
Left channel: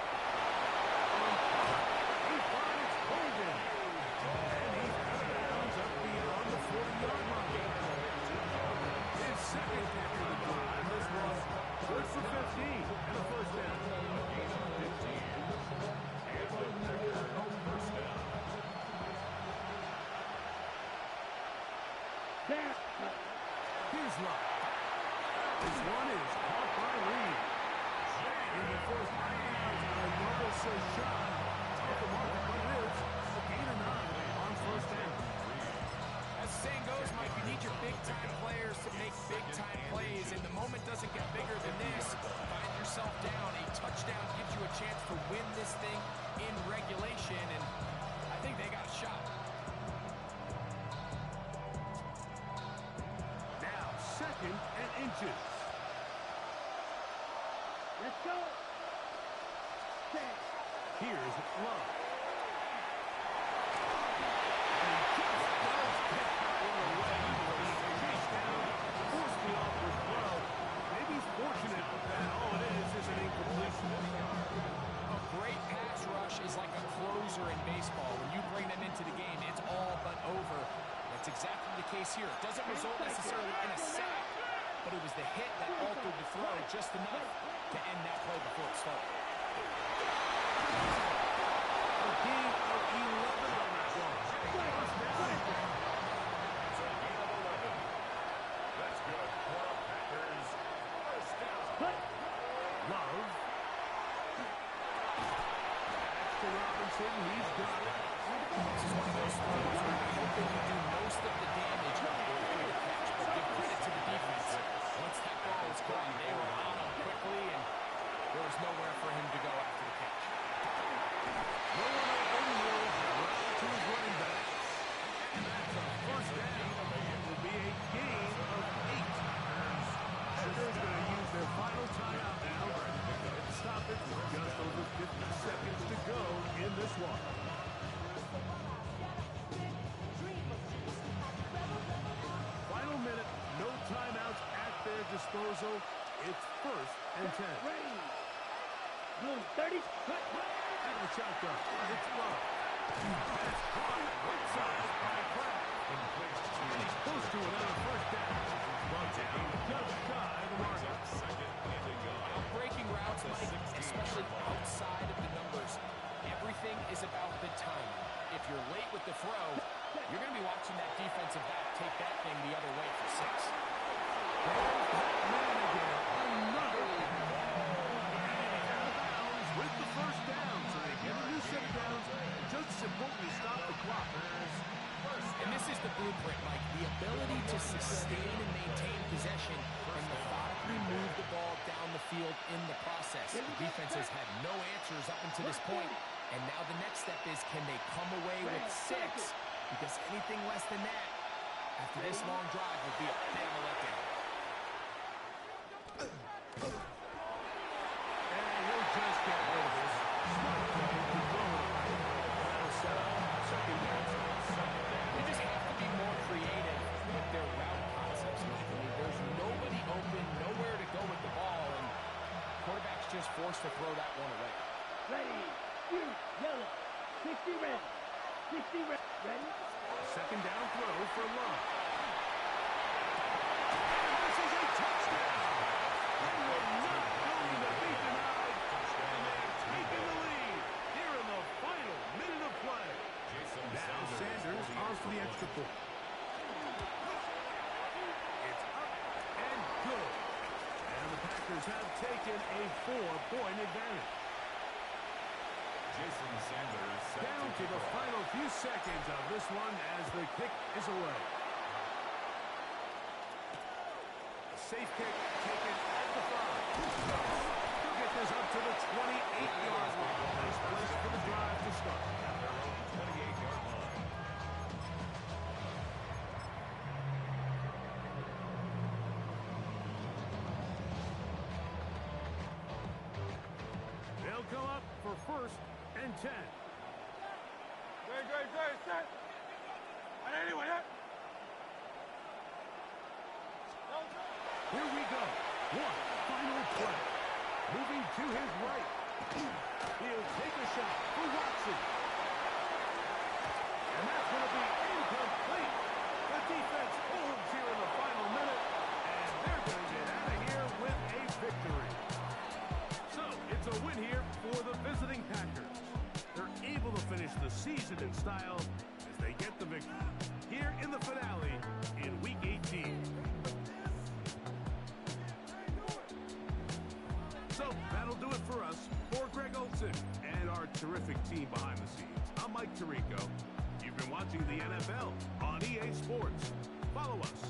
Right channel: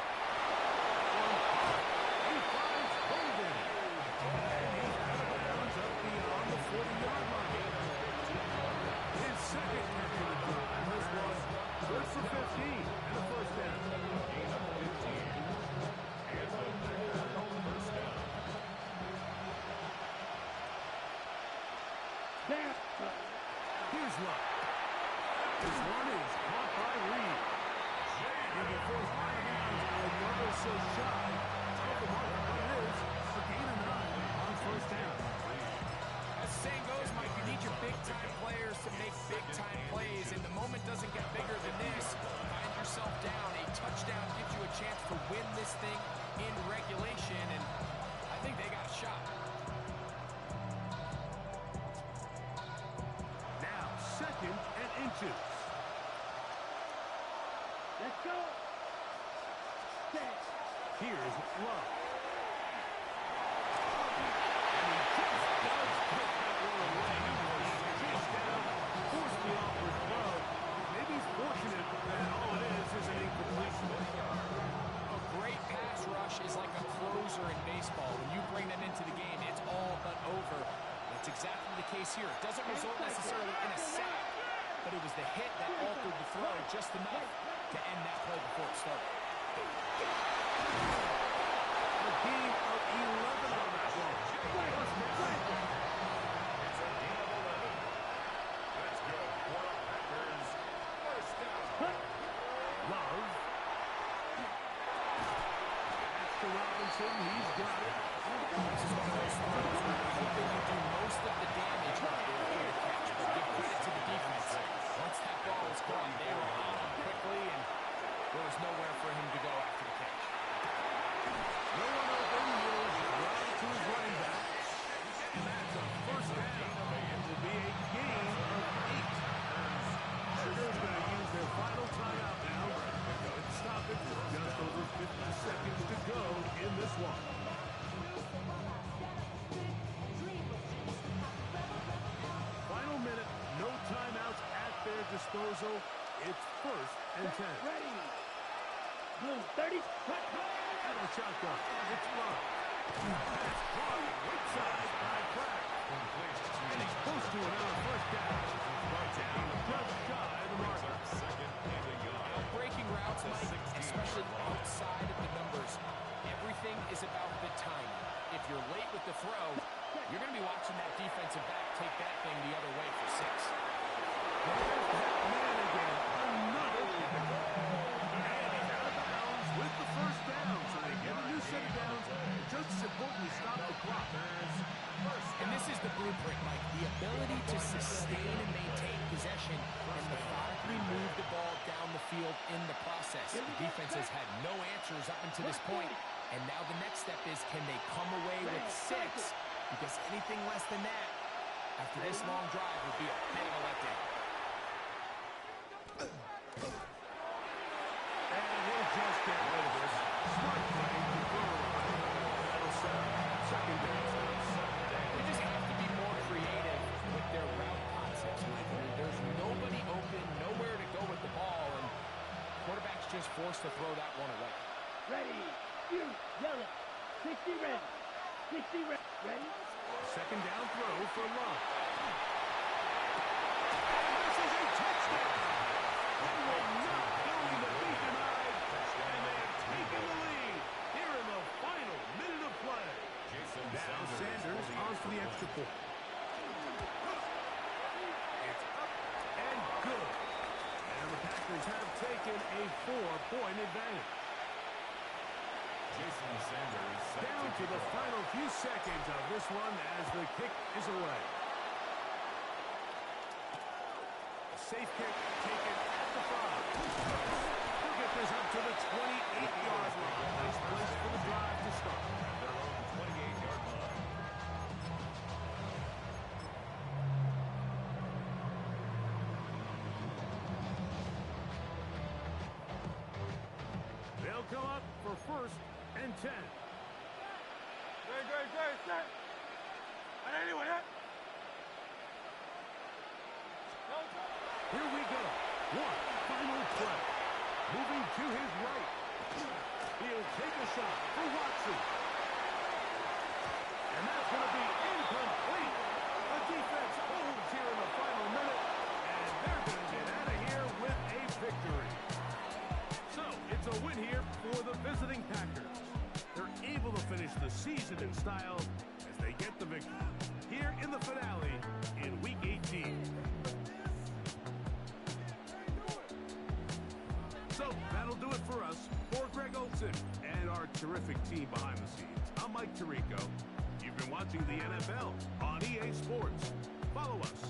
On top, he finds Golden. And he's out of bounds up beyond the 40-yard line. His second catch of the drive. This was good for 15 and a first down. Gain of 15. And the Packers first down. Here's Love. This one is caught by Reed. And he forced out of bounds a yard or so shy of the marker, but it is a gain of 9 on first down. As the saying goes, Mike, you need your big-time players to make big-time plays, and the moment doesn't get bigger than this. Find yourself down. A touchdown gives you a chance to win this thing in regulation, and I think they got a shot. Now, second and inches. Let's go. Set. Here's Love. And he just does pick that one away. He chased down, forced the awkward throw. Maybe he's fortunate that all it is an incompletion. A great pass rush is like a closer in baseball. When you bring them into the game, it's all but over. That's exactly the case here. It doesn't result necessarily in a sack, but it was the hit that altered the throw just enough to end that play before it started. A gain of 11 on that one. First down. It's a gain of 11. That's good for the Packers. First down. Love. That's to Robinson. He's got it. This is one of those throws where you're hoping you do most of the damage before the catch, but give credit to the defense. Once that ball was caught, they were on him quickly, and there was nowhere for him to go after the catch. No one open. He'll run to his running back. And that's a first down. It will be a gain of 8. Packers going to use their final timeout now. And stop it with just over 50 seconds to go in this one. Final minute. No timeouts at their disposal. It's 1st and 10. Ready. Blue 30. Cut. And a shotgun. It's Love. That's caught right side by Kraft. And he's close to another first down. Brought down just shy of the marker. Second and a yard. Breaking routes, Mike, especially outside of the numbers, everything is about the timing. If you're late with the throw, you're going to be watching that defensive back take that thing the other way for 6. There's that man again. Another pick. And he's out of bounds with the first down. So they get a new set of downs. Just as important to stop the clock. And this is the blueprint, Mike. The ability to sustain and maintain possession and methodically move the ball down the field in the process. The defense has had no answers up until this point, and now the next step is, can they come away with 6? Because anything less than that, after this long drive, would be a bit of a letdown. And he'll just get rid of this. Smart play to throw it away. That'll set up second down. They just have to be more creative with their route concepts, Mike. I mean, there's nobody open, nowhere to go with the ball, and quarterback's just forced to throw that one away. Ready. You. Yellow. 60 red. 60 red. Ready. Second down throw for Love. And this is a touchdown. They were not going to be denied. And they have taken the lead here in the final minute of play. Now Sanders on for the extra point. It's up and good. And the Packers have taken a 4-point advantage. Jason Sanders set Down to the final few seconds of this one as the kick is away. A safe kick taken at the 5. He'll get this up to the 28-yard line. Nice place for the drive to start. at their own 28-yard line. They'll come up for 1st and 10. Great, set. And anyway, that. Here we go. One final play. Moving to his right. He'll take a shot for Watson. And that's going to be incomplete. The defense holds here in the final minute, and they're going to get out of here with a victory. So, it's a win here for the visiting Packers. They're able to finish the season in style as they get the victory here in the finale in Week 18. So, that'll do it for us. For Greg Olson and our terrific team behind the scenes, I'm Mike Tirico. You've been watching the NFL on EA Sports. Follow us